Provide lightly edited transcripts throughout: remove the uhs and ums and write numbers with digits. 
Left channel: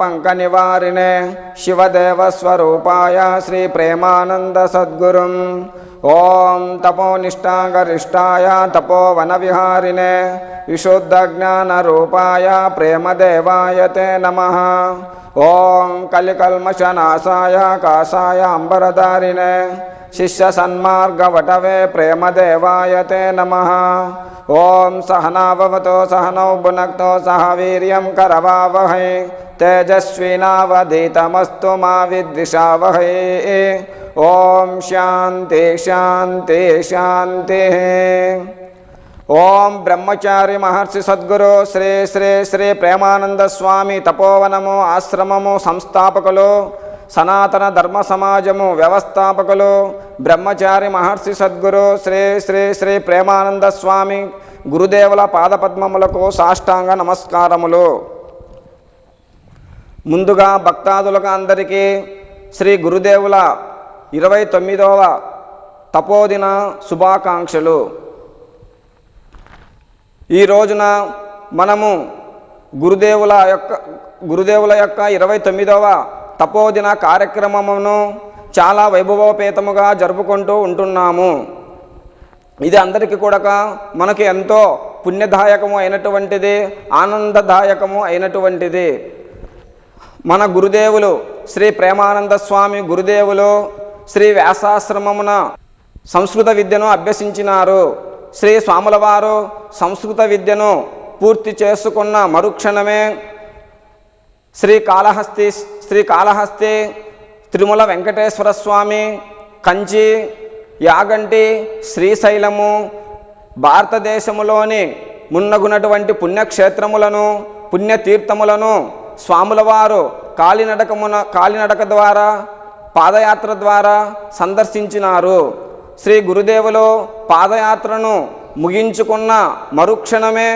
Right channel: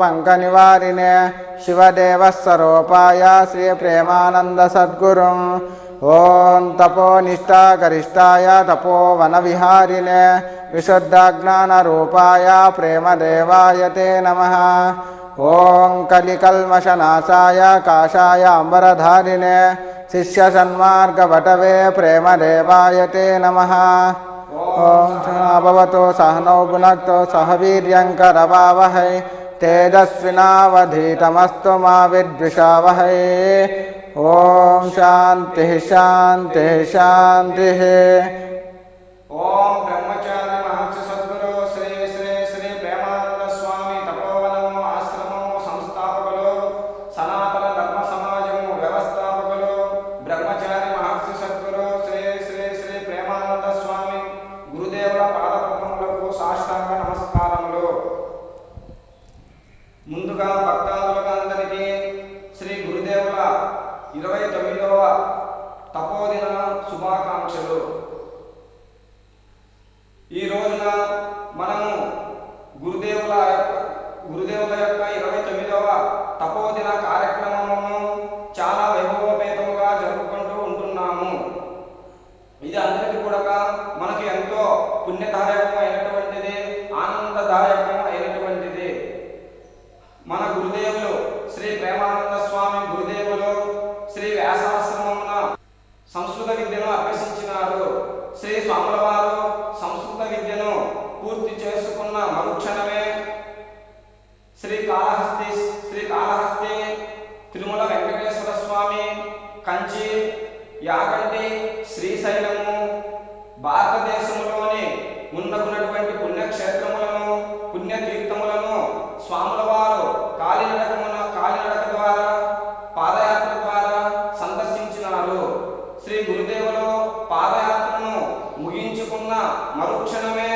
పంక నివారిణే శివదేవ స్వరూపాయ శ్రీ ప్రేమానంద సద్గురు ఓం తపోనిష్టా గరిష్టాయ తపోవన విహారిణే విశుద్ధ జ్ఞాన రూపాయ ప్రేమదేవాయ తే నమః ఓం కలికల్మషనాశాయ కాషాయ అంబరధారిణే శిష్య సన్మార్గ వటవే ప్రేమదేవాయ తే నమః ఓం సహనా భవతు సహనో భునక్తు సహ వీర్యం కరవావహై తేజస్వినావధీతమస్తు మా విద్విషావహై ఓం శాంతి శాంతి శాంతి ఓం బ్రహ్మచారి మహర్షి సద్గురు శ్రీ శ్రీ శ్రీ ప్రేమానంద స్వామి తపోవనము ఆశ్రమము సంస్థాపకులు సనాతన ధర్మ సమాజము వ్యవస్థాపకులు బ్రహ్మచారి మహర్షి సద్గురు శ్రీ శ్రీ శ్రీ ప్రేమానంద స్వామి గురుదేవుల పాదపద్మములకు సాష్టాంగ నమస్కారములు. ముందుగా భక్తాదులకు అందరికీ శ్రీ గురుదేవుల 29వ తపోదిన శుభాకాంక్షలు. ఈ రోజున మనము గురుదేవుల యొక్క 29వ తపోదిన కార్యక్రమమును చాలా వైభవోపేతముగా జరుపుకుంటూ ఉంటున్నాము. ఇది అందరికీ కూడా మనకి ఎంతో పుణ్యదాయకము అయినటువంటిది, ఆనందదాయకము అయినటువంటిది. మన గురుదేవులు శ్రీ ప్రేమానంద స్వామి గురుదేవులు శ్రీ వ్యాసాశ్రమమున సంస్కృత విద్యను అభ్యసించినారు. శ్రీ స్వాముల వారు సంస్కృత విద్యను పూర్తి చేసుకున్న మరుక్షణమే శ్రీకాళహస్తి తిరుమల వెంకటేశ్వర స్వామి, కంచి, యాగంటి, శ్రీశైలము, భారతదేశములోని మున్నగునటువంటి పుణ్యక్షేత్రములను పుణ్యతీర్థములను స్వాముల వారు కాలినడక ద్వారా పాదయాత్ర ద్వారా సందర్శించినారు. శ్రీ గురుదేవులు పాదయాత్రను ముగించుకున్న మరుక్షణమే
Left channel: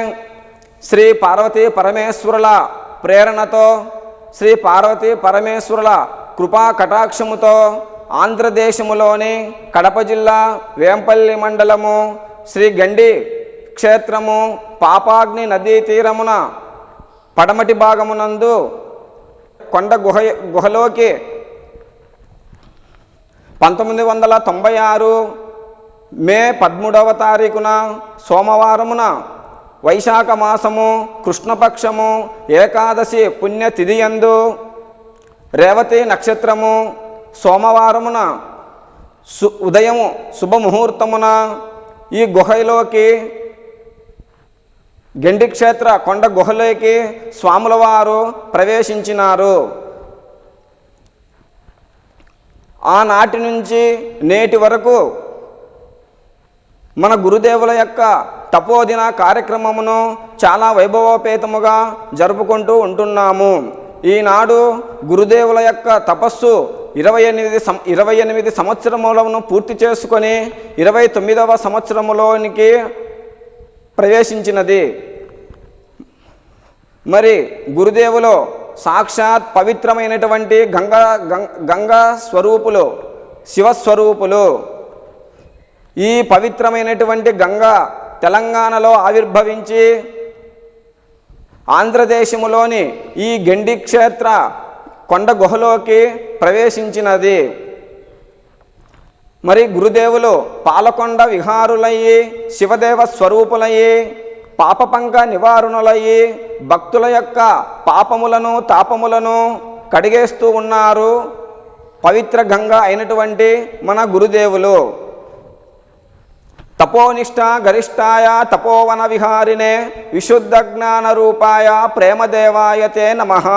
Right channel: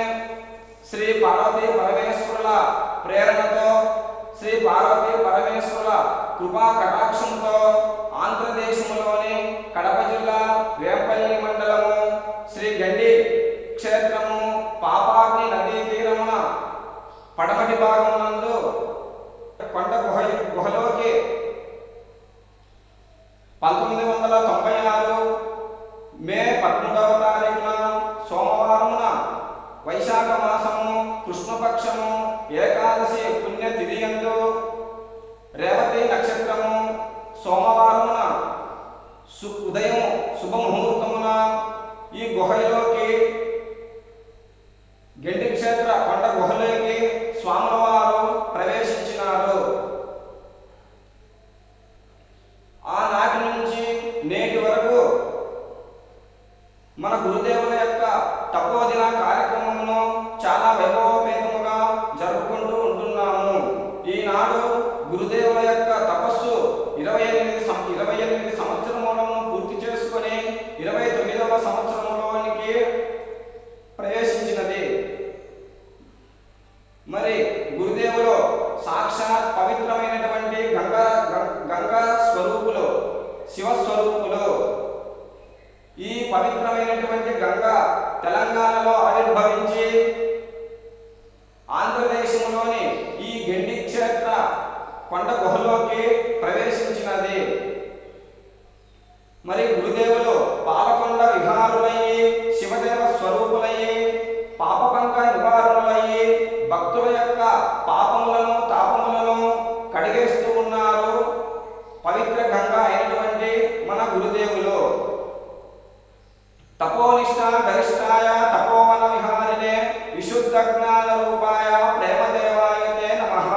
శ్రీ పార్వతీ పరమేశ్వరుల ప్రేరణతో, శ్రీ పార్వతీ పరమేశ్వరుల కృపా కటాక్షముతో ఆంధ్రదేశములోని కడప జిల్లా వేంపల్లి మండలము శ్రీ గండి క్షేత్రము పాపాగ్ని నదీ తీరమున పడమటి భాగమునందు కొండ గుహలోకి 1996 మే 13వ తారీఖున సోమవారమున వైశాఖ మాసము కృష్ణపక్షము ఏకాదశి పుణ్యతిథియందు రేవతి నక్షత్రము సోమవారమున ఉదయము శుభముహూర్తమున ఈ గుహలోకి గండి క్షేత్ర కొండ గుహలోకి స్వాముల వారు ప్రవేశించినారు. ఆనాటి నుంచి నేటి వరకు మన గురుదేవుల యొక్క తపోదిన కార్యక్రమమును చాలా వైభవోపేతముగా జరుపుకుంటూ ఉంటున్నాము. ఈనాడు గురుదేవుల యొక్క తపస్సు 28 సంవత్సరములను పూర్తి చేసుకొని 29వ సంవత్సరములోనికి ప్రవేశించినది. మరి గురుదేవులు సాక్షాత్ పవిత్రమైనటువంటి గంగా స్వరూపులు, శివస్వరూపులు. ఈ పవిత్రమైనటువంటి గంగా తెలంగాణలో ఆవిర్భవించి ఆంధ్రదేశములోని ఈ గండి క్షేత్ర కొండ గుహలోకి ప్రవేశించినది. మరి గురుదేవులు పాలకొండ విహారులయ్యి శివదేవ స్వరూపులయ్యి పాపపంక నివారణలయ్యి భక్తుల యొక్క పాపములను తాపములను కడిగేస్తూ ఉన్నారు పవిత్ర గంగ అయినటువంటి మన గురుదేవులు. తపోనిష్ట గరిష్టాయ తపోవన విహారిణే విశుద్ధ జ్ఞాన రూపాయ ప్రేమదేవాయ తే నమః.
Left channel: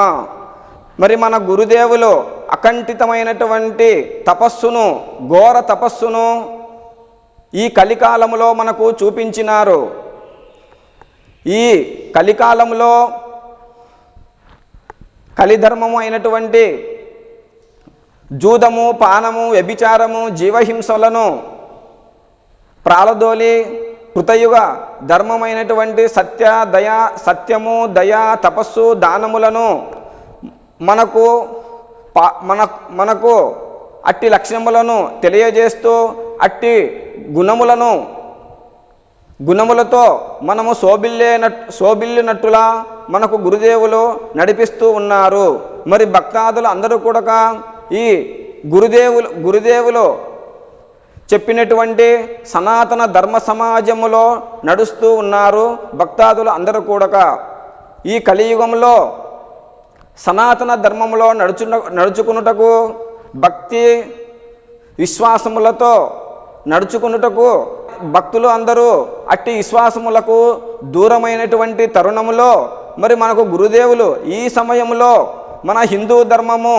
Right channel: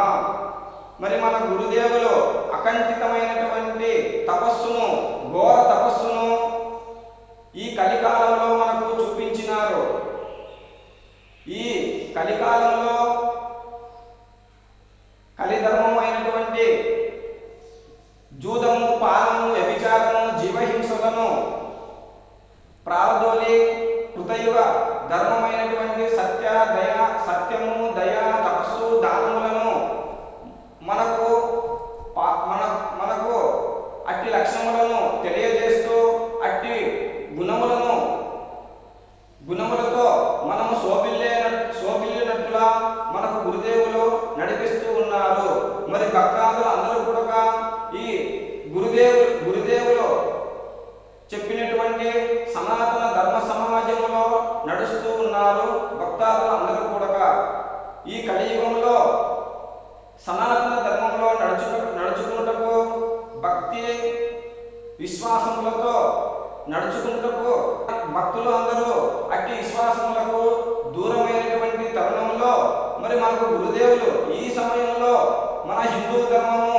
మరి మన గురుదేవులు అకంఠితమైనటువంటి తపస్సును, ఘోర తపస్సును ఈ కలికాలములో మనకు చూపించినారు. ఈ కలికాలంలో కలిధర్మము అయినటువంటి జూదము, పానము, వ్యభిచారము, జీవహింసలను ప్రాలదోలి కృతయుగ ధర్మమైనటువంటి సత్యము, దయ, తపస్సు, దానములను మనకు అట్టి లక్షణములను తెలియజేస్తూ అట్టి గుణములను గుణములతో మనము శోభిల్లినట్టులా మనకు గురుదేవులు నడిపిస్తూ ఉన్నారు. మరి భక్తాదులు అందరూ కూడా ఈ గురుదేవులు చెప్పినటువంటి సనాతన ధర్మ సమాజములో నడుస్తూ ఉన్నారు. భక్తాదులు అందరూ కూడా ఈ కలియుగంలో సనాతన ధర్మంలో నడుచుకున్నటకు భక్తి విశ్వాసములతో నడుచుకున్నటకు భక్తులు అందరూ అట్టి విశ్వాసములకు దూరమైనటువంటి తరుణములో మరి మనకు గురుదేవులు ఈ సమయంలో మన హిందూ ధర్మము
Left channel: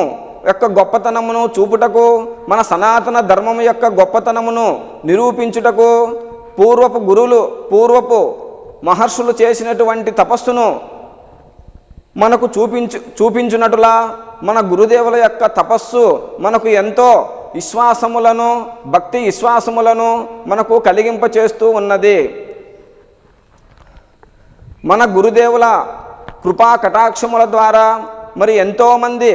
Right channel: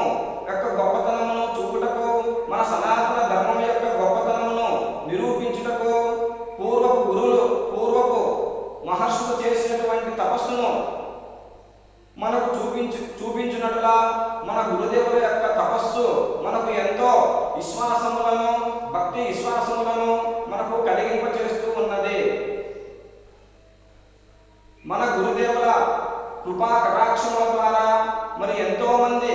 యొక్క గొప్పతనమును చూపుటకు, మన సనాతన ధర్మం యొక్క గొప్పతనమును నిరూపించుటకు, పూర్వపు మహర్షులు చేసినటువంటి తపస్సును మనకు చూపించున్నట్లుగా మన గురుదేవుల యొక్క తపస్సు మనకు ఎంతో విశ్వాసములను, భక్తి విశ్వాసములను మనకు కలిగింపచేస్తూ ఉన్నది. మన గురుదేవుల కృపా కటాక్షముల ద్వారా మరి ఎంతోమంది,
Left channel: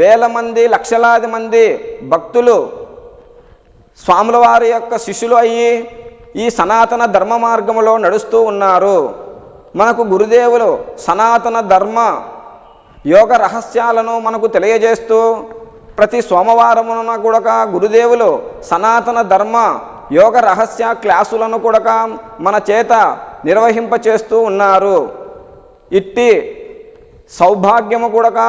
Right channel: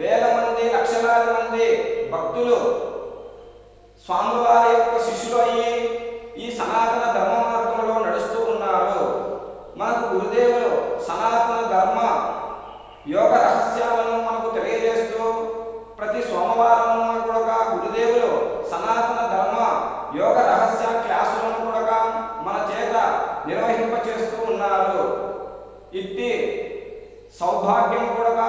వేల మంది, లక్షలాది మంది భక్తులు స్వాముల వారి యొక్క శిష్యులు అయ్యి ఈ సనాతన ధర్మ మార్గంలో నడుస్తూ ఉన్నారు. మనకు గురుదేవులు సనాతన ధర్మ యోగ రహస్యాలను మనకు తెలియజేస్తూ ప్రతి సోమవారమున కూడా గురుదేవులు సనాతన ధర్మ యోగ రహస్య క్లాసులను కూడా మన చేత నిర్వహింపచేస్తూ ఉన్నారు. ఇట్టి సౌభాగ్యము కూడా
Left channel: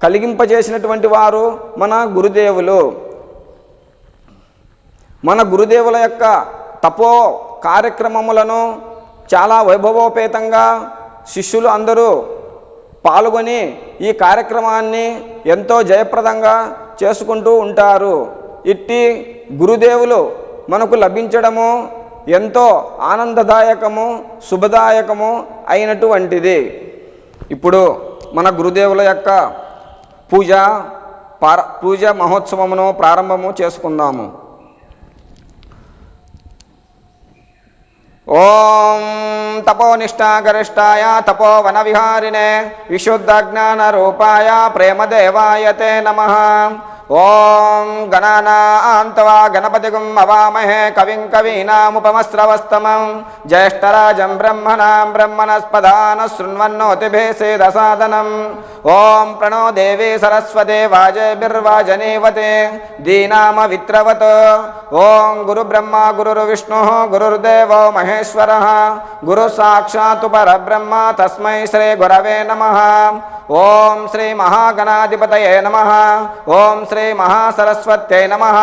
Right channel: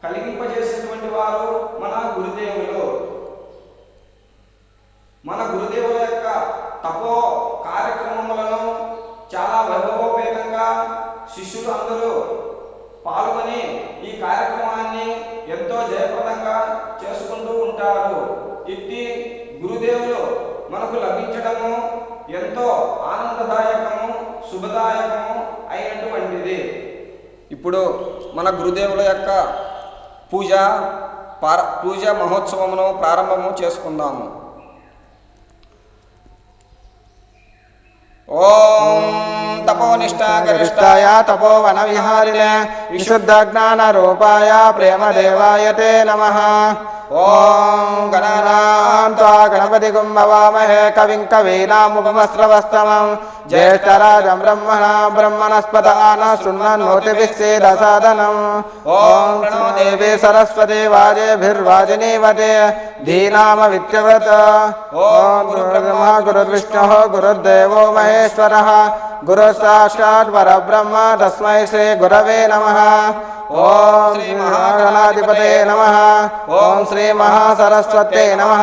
కలిగింపజేసినటువంటి వారు మన గురుదేవులు. మన గురుదేవుల యొక్క తపో కార్యక్రమములను చాలా వైభవోపేతంగా శిష్యులు అందరూ పాల్గొని ఈ కార్యక్రమాన్ని ఎంతో జయప్రదంగా చేసుకుంటూ ఉంటారు. ఇట్టి గురుదేవులు మనకు లభించడము ఎంతో ఆనందదాయకము, శుభదాయకము అయినటువంటిది. ఇప్పుడు మన గురుదేవుల యొక్క పూజ మహోత్సవమును ప్రారంభము చేసుకుందాము. ఓం తపోనిష్టాగరిష్టాయ తపోవన విహారిణే విశుద్ధ జ్ఞాన రూపాయ ప్రేమదేవాయ తే నమః. ఓం గణానాం త్వా గణపతిగుం భవామహే కవిం కవీనాముపమస్రవస్తమం జ్యేష్ఠరాజం బ్రహ్మణస్పదాన శృణ్వన్నోతిభిः సేదసాదనం. ఓం ప్రణో దేవీ సరస్వతి వాజేభిర్వాజనీవతే ధీనామమిత్రవత్. ఓం గురు బ్రహ్మ గురు విష్ణు గురుర్దేవో మహేశ్వరః గురు సాక్షాత్ పరబ్రహ్మ తస్మై శ్రీ గురవే నమః. ఓం శ్రీ మహాగణాధిపతయే నమః. ఓం శ్రీ మహాసరస్వత్యై నమః.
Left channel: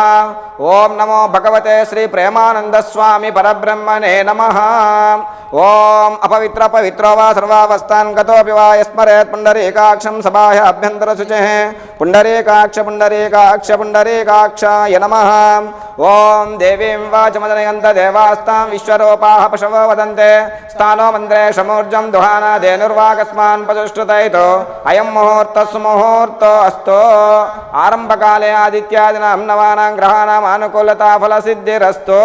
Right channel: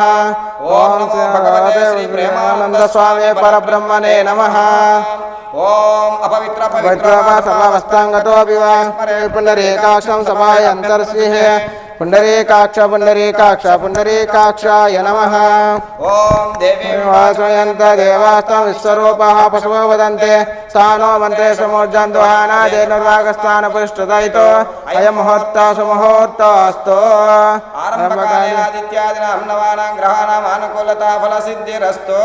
ఓం నమో భగవతే శ్రీ ప్రేమానంద స్వామి పరబ్రహ్మణే నమః. ఓం అపవిత్ర పవిత్ర సర్వావస్థాంగతోపి వాయస్మరేత్ పుండరీకాక్షం సమాయ అభ్యంతరశిషే పుండరీకాక్ష పుండరీకాక్ష పుండరీకాక్షాయ నమః. ఓం దేవీ వాచమయంత దేవాస్తాం విశ్వరూపాః పశవో వదంతే స్థానో మరేషమూర్జం దుహాన దేనుర్వాగస్మాన ప్రతిష్ఠితైతో అయం ముహూర్త సుముహూర్తోస్తు. ఆరంభకాలే ఆదిత్యాదినాం నవానాం గ్రహాణాం అనుకూలతా ఫలసిద్ధిరస్తు.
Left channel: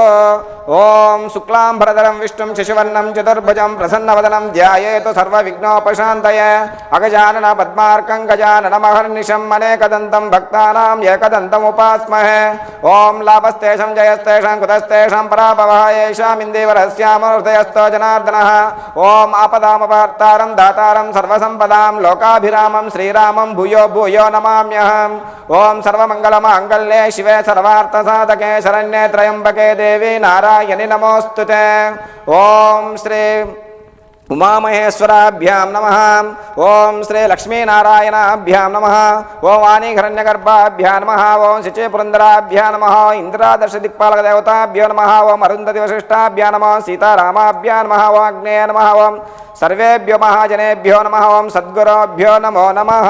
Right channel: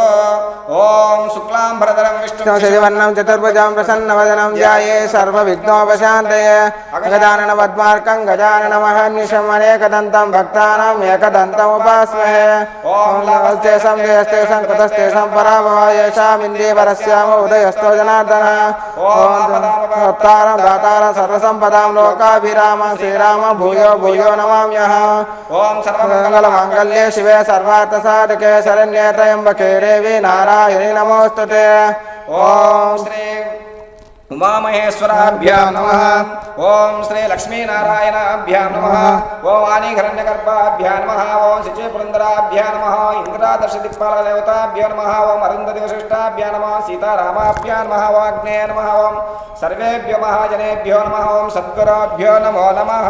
ఓం శుక్లాంబరధరం విష్ణుం శశివర్ణం చతుర్భుజం ప్రసన్నవదనం ధ్యాయేత్ సర్వవిఘ్నోపశాంతయే. అగజానన పద్మార్కం గజాననమహర్నిశం అనేకదంతం భక్తానాం ఏకదంతముపాస్మహే. ఓం లాభస్తేషం జయస్తేషం కుతస్తేషం పరాభవాయేషామిందేవరస్యామో హృదయస్థో జనార్దనః. ఓం ఆపదామపహర్తారం దాతారం సర్వసంపదాం లోకాభిరామం శ్రీరామం భూయో భూయో నమామ్యహం. ఓం సర్వమంగళమాంగళ్యే శివే సర్వార్థసాధకే శరణ్యే త్రయంబకే దేవి నారాయణి నమోస్తుతే. ఓం శ్రీ ఉమామహేశ్వరాభ్యాం నమః. ఓం శ్రీ లక్ష్మీనారాయణాభ్యాం నమః. ఓం వాణీహిరణ్యగర్భాభ్యాం నమః. ఓం శిచే పురందరాభ్యాం నమః. ఇంద్రాదర్శ దిక్పాలక దేవతాభ్యో నమః. ఓం అరుంధతి వశిష్టాభ్యాం నమః. సీతారామాభ్యాం నమః. ఓం అగ్నేయ నమః. ఓం సర్వేభ్యో మహాజనేభ్యో నమః. ఓం సద్గురుభ్యో నమో నమః.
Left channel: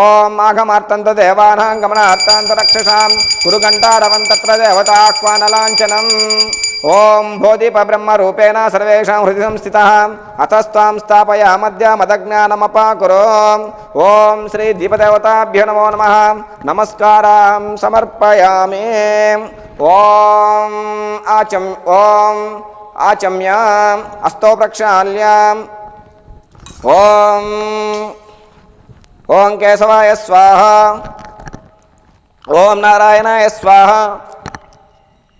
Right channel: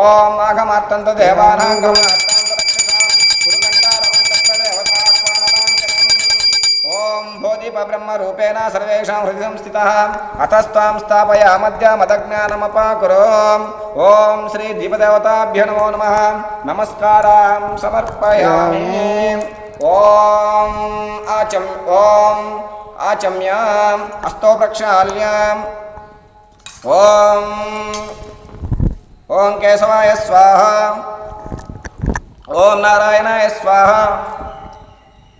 ఓం మాఘమార్తంత దేవానాం గమనార్తాంత రక్షసాం కురుగంటారవంతత్ర దేవతాహ్వానలాంఛనం. ఓం భోదీప బ్రహ్మ రూపేణ సర్వేషాం హృది సంస్థితః అతస్తాం స్థాపయామద్య మదజ్ఞానమపాకురు. ఓం శ్రీ దీపదేవతాభ్యో నమో నమః. నమస్కారం సమర్పయామి. ఓం ఆచమ్య హస్తో ప్రక్షాళ్య. ఓం కేశవాయ స్వాహ. ఓం నారాయణాయ స్వాహ.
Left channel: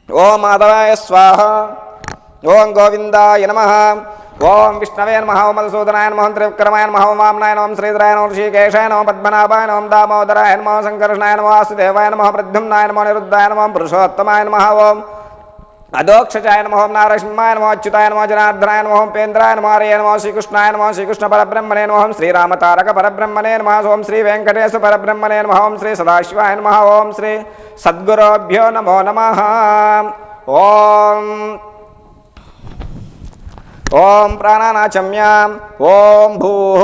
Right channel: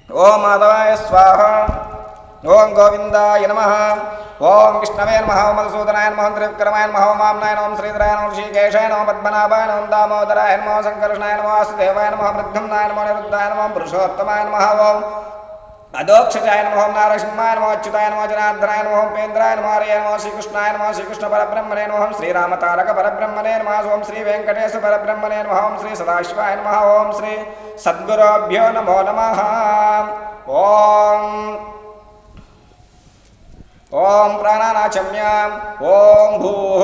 ఓం మాధవాయ స్వాహ. ఓం గోవిందాయ నమః. ఓం విష్ణవే నమః. ఓం మధుసూదనాయ నమః. త్రివిక్రమాయ నమః. ఓం వామనాయ నమః. శ్రీధరాయ నమః. ఋషికేశాయ నమః. పద్మనాభాయ నమః. దామోదరాయ నమః. సంకర్షణాయ నమః. వాసుదేవాయ నమః. ప్రద్యుమ్నాయ నమః. నిరుద్ధాయ నమః. పురుషోత్తమాయ నమః. ఓం అధోక్షజాయ నమః. నారసింహాయ నమః. అచ్యుతాయ నమః. జనార్దనాయ నమః. ఉపేంద్రాయ నమః. హరయ నమః. శ్రీకృష్ణాయ నమః. శ్రీకృష్ణ పరబ్రహ్మణే నమః. శ్రీరామతారక పరబ్రహ్మణే నమః. ఓం శ్రీ వెంకటేశ పరబ్రహ్మణే నమః. ఓం శ్రీ సదాశివాయ నమః. ఓం శ్రీ సద్గురోభ్యో నమో నమః. ఓం ప్రాణానాచమ్యాం. ఓం భూః.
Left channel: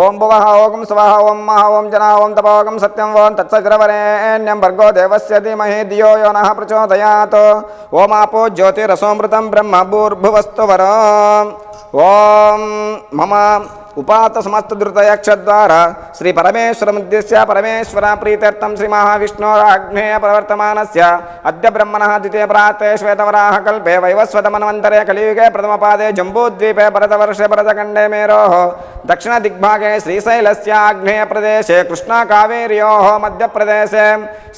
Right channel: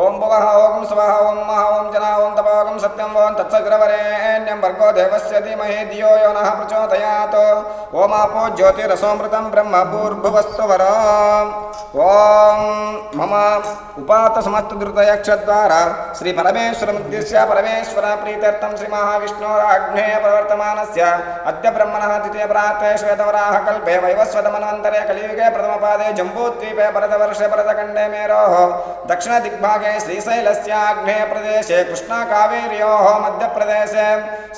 ఓం భువః. ఓం స్వః. ఓం మహ. ఓం జనా. ఓం తపో. ఓం సత్యం. ఓం తత్సగ్రవరేణ్యం భర్గో దేవస్య ధీమహి ధియో యో నః ప్రచోదయాత్. ఓం ఆపో జ్యోతిరసోమృతం బ్రహ్మ భూర్భువస్తు వరం. ఓం మమ ఉపాత సమస్త ధృతయక్షద్వారా శ్రీ పరమేశ్వరముద్దిశ్య పరమేశ్వర ప్రీత్యర్థం శ్రీ మహావిష్ణోరాగ్నేయ ప్రవర్తమానస్య అద్య బ్రహ్మణః ద్వితీయ ప్రాతే శ్వేతవరాహ కల్పే వైవస్వతమన్వంతరే కలియుగే ప్రథమపాదే జంబూద్వీపే భరతవర్షే భరతఖండే మేరోః దక్షిణ దిగ్భాగే శ్రీశైలస్య ఆగ్నేయ ప్రదేశే కృష్ణా కావేర్యోః మధ్యప్రదేశే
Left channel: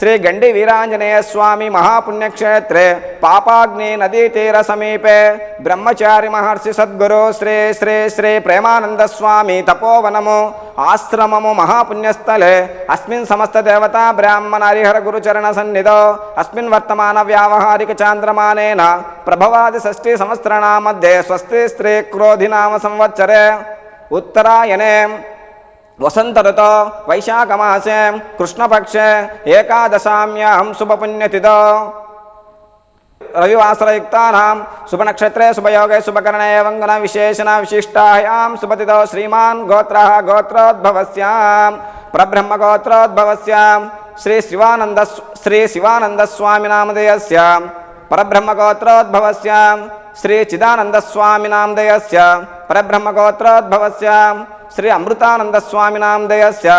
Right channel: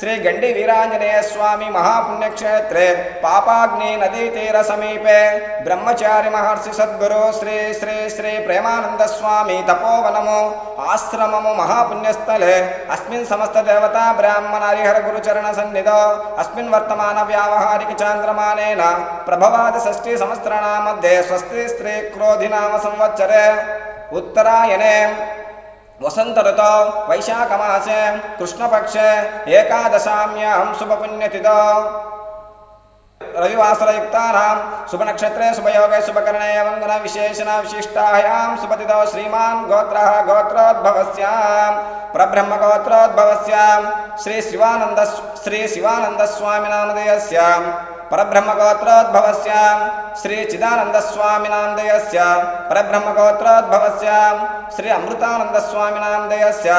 శ్రీ గండి వీరాంజనేయ స్వామి మహాపుణ్యక్షేత్రే పాపాగ్ని నదీ తీర సమీపే బ్రహ్మచారి మహర్షి సద్గురు శ్రీ శ్రీ శ్రీ ప్రేమానంద స్వామి తపోవనము ఆశ్రమము మహాపుణ్యస్థలే అస్మిన్ సమస్త దేవతా బ్రాహ్మణ హరిహర గురుచరణ సన్నిధో అస్మిన్ వర్తమాన వ్యావహారిక చాంద్రమానేన ప్రభవాది షష్ఠీ సంవత్సరాణా మధ్యే స్వస్తి స్త్రీ క్రోధి నామ సంవత్సరే ఉత్తరాయణే వసంత ఋతో వైశాఖ మాసే కృష్ణపక్షే ఏకాదశామ్యాం శుభపుణ్యతిథో రవివాసరయుక్తానాం శుభనక్షత్రే శుభయోగే శుభకరణే వందన విశేషణ విశిష్టాయాం శుభతిథో శ్రీమాన్ గోత్రః గోత్రోద్భవస్యాం పరబ్రహ్మ గోత్రోద్భవస్యాం శ్రీ శివానంద స్వామి నామధేయస్య పరబ్రహ్మ గోత్రోద్భవస్యాం శ్రీ చిదానంద స్వామి నామధేయస్య పరబ్రహ్మ గోత్రోద్భవస్యాం శ్రీ అమృతానంద స్వామి నామధేయస్య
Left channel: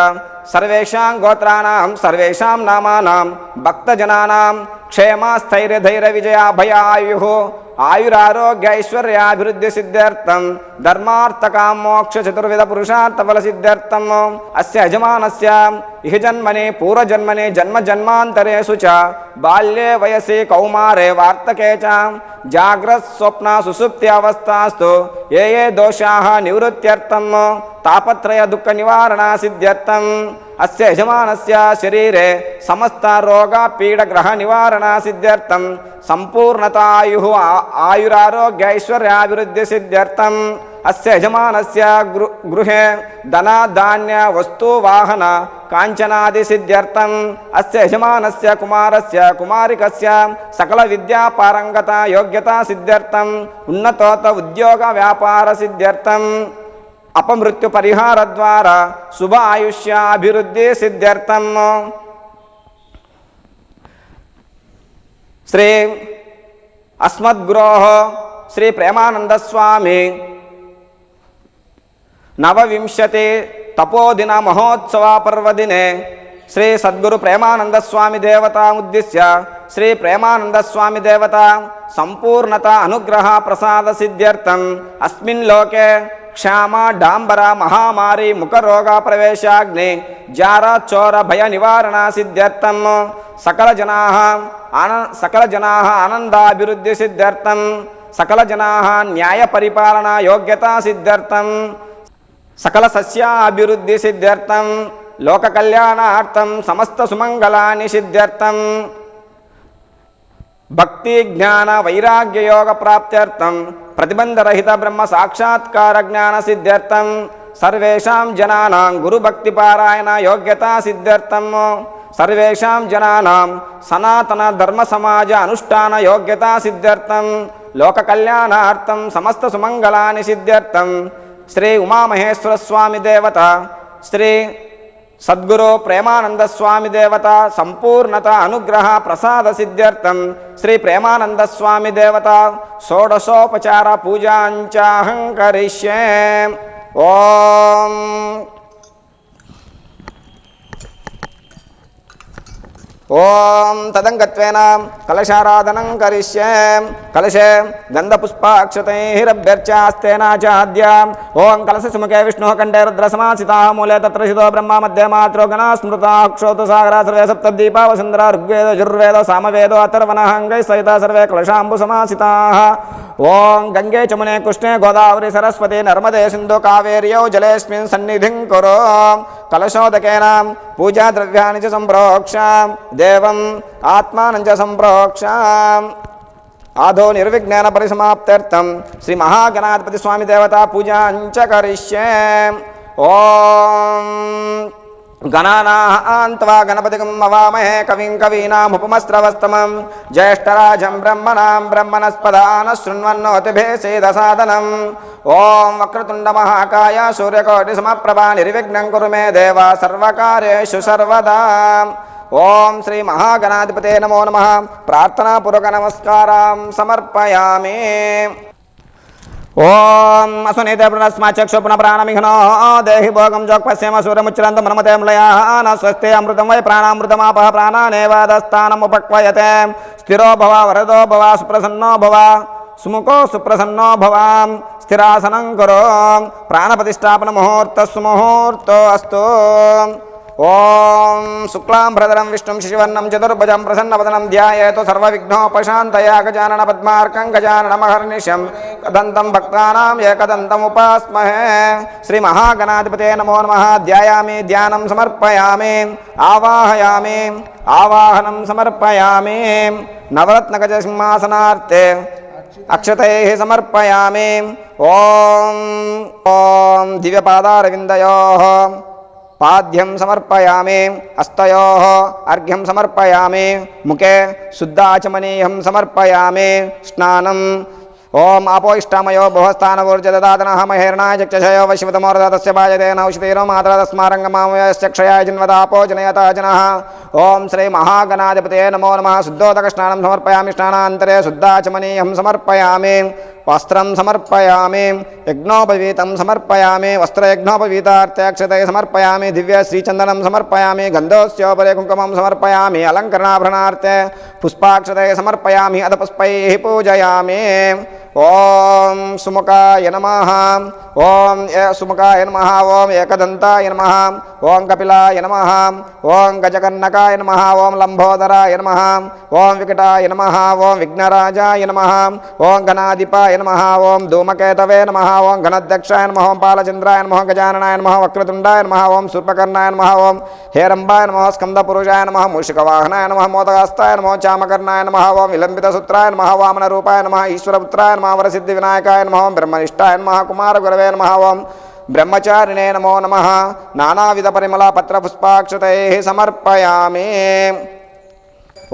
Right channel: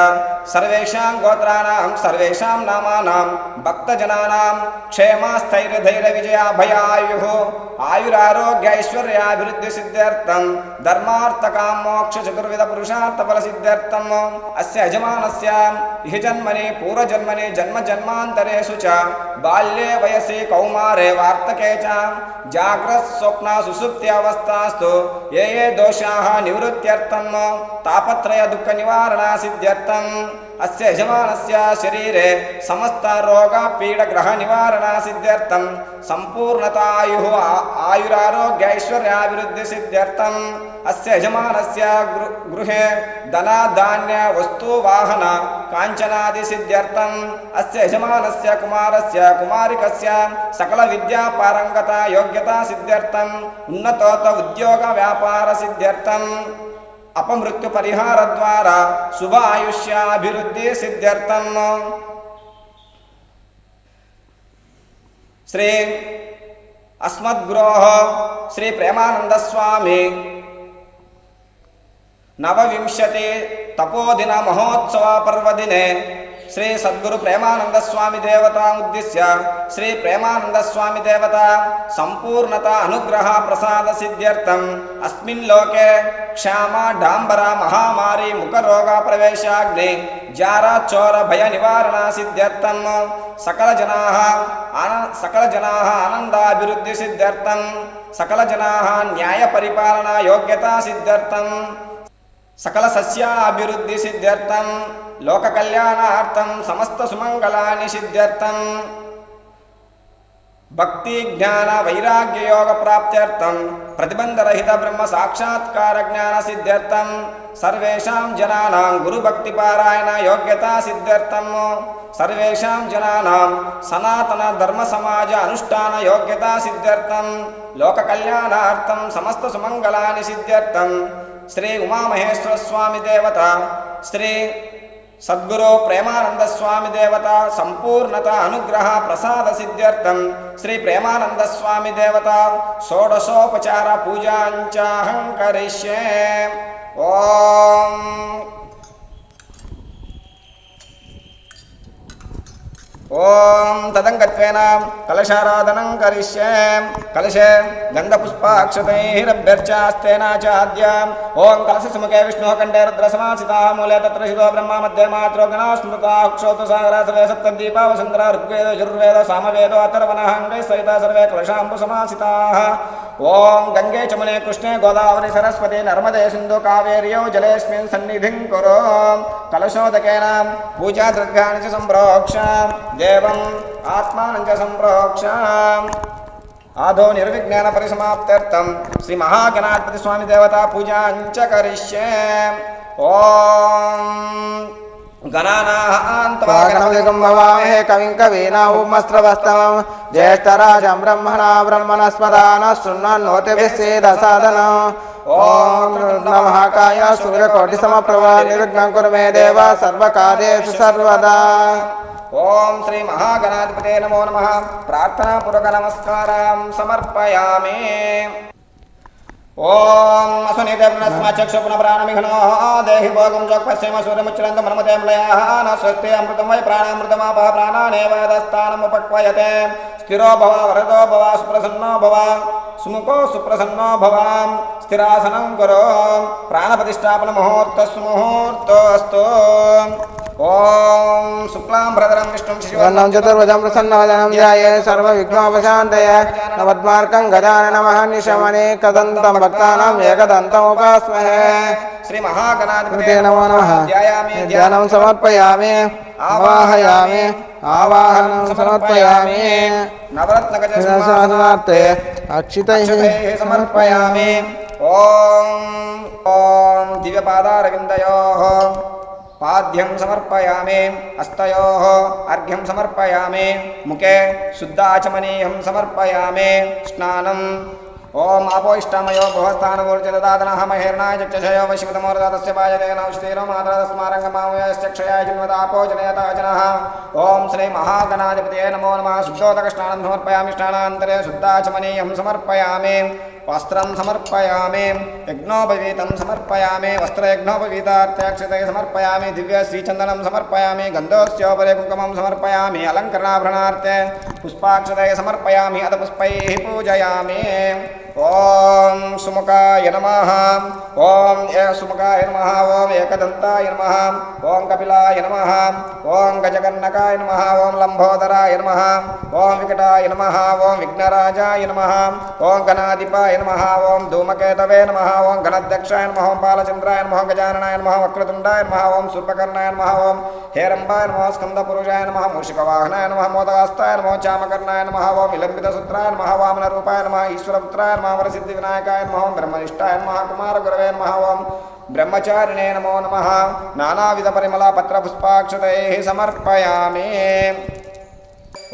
సర్వేషాం గోత్రానాం సర్వేషాం నామానాం భక్తజనానాం క్షేమ స్థైర్య ధైర్య విజయాభయాయుః ఆయురారోగ్య ఐశ్వర్యాభివృద్ధి సిద్ధ్యర్థం ధర్మార్థ కామ మోక్ష చతుర్విధ పురుషార్థ ఫల సిద్ధ్యర్థం అస్య యజమానస్య ఇహ జన్మని పూర్వజన్మని జన్మ జన్మాంతరేషు చ బాల్యే వయసి కౌమారే వార్తకే చ జాగ్రత్ స్వప్న సుషుప్తి అవస్థాస్తు ఏ ఏ దోషాః నివృత్త్యర్థం తాపత్రయ దుఃఖ నివారణ సిద్ధ్యర్థం అస్య యజమానస్య శరీరే సమస్త రోగ పీడ గ్రహ నివారణ సిద్ధ్యర్థం సంపూర్ణతాయుః ఆయురారోగ్య ఐశ్వర్యాభివృద్ధి సిద్ధ్యర్థం అస్య యజమానస్య గృహే ధన ధాన్య వస్తు వాహన కాంచనాది సిద్ధ్యర్థం అస్య యజమానస్య కుమారస్య కుమారికస్య సకల విద్యా పారంగత యోగ్యత సిద్ధ్యర్థం ఉన్నతోత ఉద్యోగ వ్యాపార సిద్ధ్యర్థం అపమృత్యు పరిహార ద్వారా శుభ ఆయుష్యాభివృద్ధి సిద్ధ్యర్థం శ్రీ అస్మద్గురోః శ్రీ ప్రేమానంద స్వామి నవవింశతి తపోదిన మహోత్సవ పర్వదినే శ్రీ సద్గురు ప్రేమానంద స్వామి దేవతా ఉద్దిశ్య శ్రీ ప్రేమానంద స్వామి దేవత సంపూర్ణత అనుగ్రహ ప్రసాద సిద్ధ్యర్థం అస్మిన్ లోకే క్షామ డాంబర మహామారి ముఖ రోగ ప్రవేశాగ్ని జార చోర భయ నివారణ సిద్ధ్యర్థం సకల జనాః ఆనందాభివృద్ధి సిద్ధ్యర్థం సకల జనాః న్యాయ పరిపాలన యోగ్యత సిద్ధ్యర్థం సకల సస్యాభివృద్ధి సిద్ధ్యర్థం లోక కళ్యాణార్థం సమస్త సుమంగళాని సిద్ధ్యర్థం భక్తి జ్ఞాన వైరాగ్య యోగ ప్రాప్త్యర్థం ప్రతిబంధరహిత బ్రహ్మ సాక్షాత్కార జ్ఞాన సిద్ధ్యర్థం సర్వేషాం జనానాం గురు భక్తి పారాయణ యోగ్యత సిద్ధ్యర్థం సర్వేషాం జనానాం సనాతన ధర్మ సమాజ అనుష్ఠాన యోగ్యత సిద్ధ్యర్థం లోక కళ్యాణార్థం సమస్త సుమంగళాని సిద్ధ్యర్థం శ్రీ ఉమామహేశ్వర స్వామి దేవత శ్రీ సద్గురు ప్రేమానంద స్వామి దేవత సంపూర్ణత అనుగ్రహ ప్రసాద సిద్ధ్యర్థం శ్రీ ప్రేమానంద స్వామి దేవత షోడశోపచార పూజాంచాహం కరిష్యే. ఓం ఓం తదంగత్వేన కలశారాధనం కరిష్యే. కలశే గంధపుష్పాక్షతైరభ్యర్చాస్తేనాచాద్య. ఓం కలశసుముఖే విష్ణుః కంఠే రుద్రసమాసితాః మూలే తత్ర శితో బ్రహ్మ మధ్యే మాత్రో గణాః స్మృతాః క్షోతు సాగరా సర్వే సప్తద్వీపా వసుంధరా ఋగ్వేదో యజుర్వేదో సామవేదో అథర్వణः అంగైః సహితా సర్వే కలశాంబు సమాసితాః. ఓం గంగే చమునే కృష్ణే గోదావరి సరస్వతి నర్మదే సింధు కావేర్యౌ జలేస్మిన్ సన్నిధిం కురు కలశోదకేన పూజా ద్రవ్యాన్ని చ సంప్రోక్ష దేవం ఆత్మానం చ సంప్రోక్ష ఆదో నిర్విజ్ఞాన పరిసమాప్త్యర్థం శ్రీ మహాగణాధిపతి స్వామి దేవతా పూజాంచ కరిష్యే. ఓం గణానాం త్వా గణపతిం భవామహే కవిం కవీనాముపమస్రవస్తమం జ్యేష్ఠరాజం బ్రహ్మణాం బ్రహ్మణస్పదాన శృణ్వన్నోతిభిः సేదసాదనం. ఓం వక్రతుండ మహాకాయ సూర్యకోటి సమప్రభా నిర్విఘ్నం కురు మే దేవ సర్వకార్యేషు సర్వదా. ఓం శ్రీ మహాగణాధిపతే నమో నమః. ప్రార్థనాపూర్వక నమస్కారం సమర్పయామి. ఓం అసునీత పునస్మాచక్షుపున ప్రాణమిఘ్నో దేహి భోగం జోక్పశ్యమ సూర్యముచ్చరంత మనమతేమ్లయాన స్వస్తి అమృతం వై ప్రాణామృతమాపః ప్రాణానేవాదస్థానముపక్వయతే. స్థిరో భవ వరదో భవ సుప్రసన్నో భవ సుముఖో సుప్రసన్నో భవ. స్థిరాసనం కురు ప్రాణప్రతిష్టాపన ముహూర్తస్సు ముహూర్తో అస్తు. ఓం శుక్లాం భరధరం విష్ణుం శశివర్ణం చతుర్భుజం ప్రసన్నవదనం ధ్యాయేత్ సర్వవిఘ్నోపశాంతయే. గజానన పద్మార్కం గజానన మహర్నిశమనేకదంతం భక్తానాం ఏకదంతం ఉపాస్మహే. శ్రీ మహాగణాధిపతే నమో నమః. ధ్యాయామి ధ్యానం సమర్పయామి ఆవాహయామి ఆవాహనం సమర్పయామి. నవరత్నగజ సింహాసనార్తే అక్షతైః సమర్పయామి. ఓం ఓం దివ్యపాదారవిందయోః పాద్యం సమర్పయామి. హస్తయోః అర్ఘ్యం సమర్పయామి. ముఖే శుద్ధాచమనీయం సమర్పయామి. స్నానం. ఓం ఆపో ఇష్టామయో బహుస్థానవూర్జదాతనః మహేర్ణాయ చక్షయో వశివతమోరదస్య భాజతే నౌషధీరో మాత్రా తస్మారంగమామయస్య క్షయాజిన్వదాపో జనయతా జనః. ఓం శ్రీ మహాగణాధిపతే నమో నమః. శుద్ధోదక స్నానం సమర్పయామి. స్నానాంతరే శుద్ధాచమనీయం సమర్పయామి. వస్త్రం సమర్పయామి. యజ్ఞోపవీతం సమర్పయామి. వస్త్రయజ్ఞోపవీతార్థే అక్షతైః సమర్పయామి. దివ్య శ్రీచందనం సమర్పయామి. గంధోస్యోపరి కుంకుమం సమర్పయామి. అలంకరణాభరణార్థే పుష్పాక్షతైః సమర్పయామి. అద పుష్పైః పూజయామి. ఓం సుముఖాయ నమః. ఓం సుముఖాయ నమః. ఓం ఏకదంతాయ నమః. ఓం కపిలాయ నమః. ఓం గజకర్ణకాయ నమః. ఓం లంబోదరాయ నమః. ఓం వికటాయ నమః. ఓం విఘ్నరాజాయ నమః. ఓం గణాధిపాయ నమః. ఓం ధూమకేతవే నమః. ఓం గణాధ్యక్షాయ నమః. ఓం పాలచంద్రాయ నమః. గజాననాయ నమః. వక్రతుండాయ నమః. ఓం శూర్పకర్ణాయ నమః. ఓం హేరంబాయ నమః. స్కందపురుషాయ నమః. మూషికవాహనాయ నమః. మోదగాస్తాయ నమః. చామకర్ణాయ నమః. ఓం విలంబితసూత్రాయ నమః. వామనరూపాయ నమః. ఈశ్వరపుత్రాయ నమః. వరసిద్ధి వినాయకాయ నమః. బ్రహ్మనిష్టాయ నమః. కుమార గురవే నమః. ఓం బ్రహ్మచారిణే నమో నమః. నానావిధ పరిమళ పత్ర పుష్పాక్షతైః సమర్పయామి.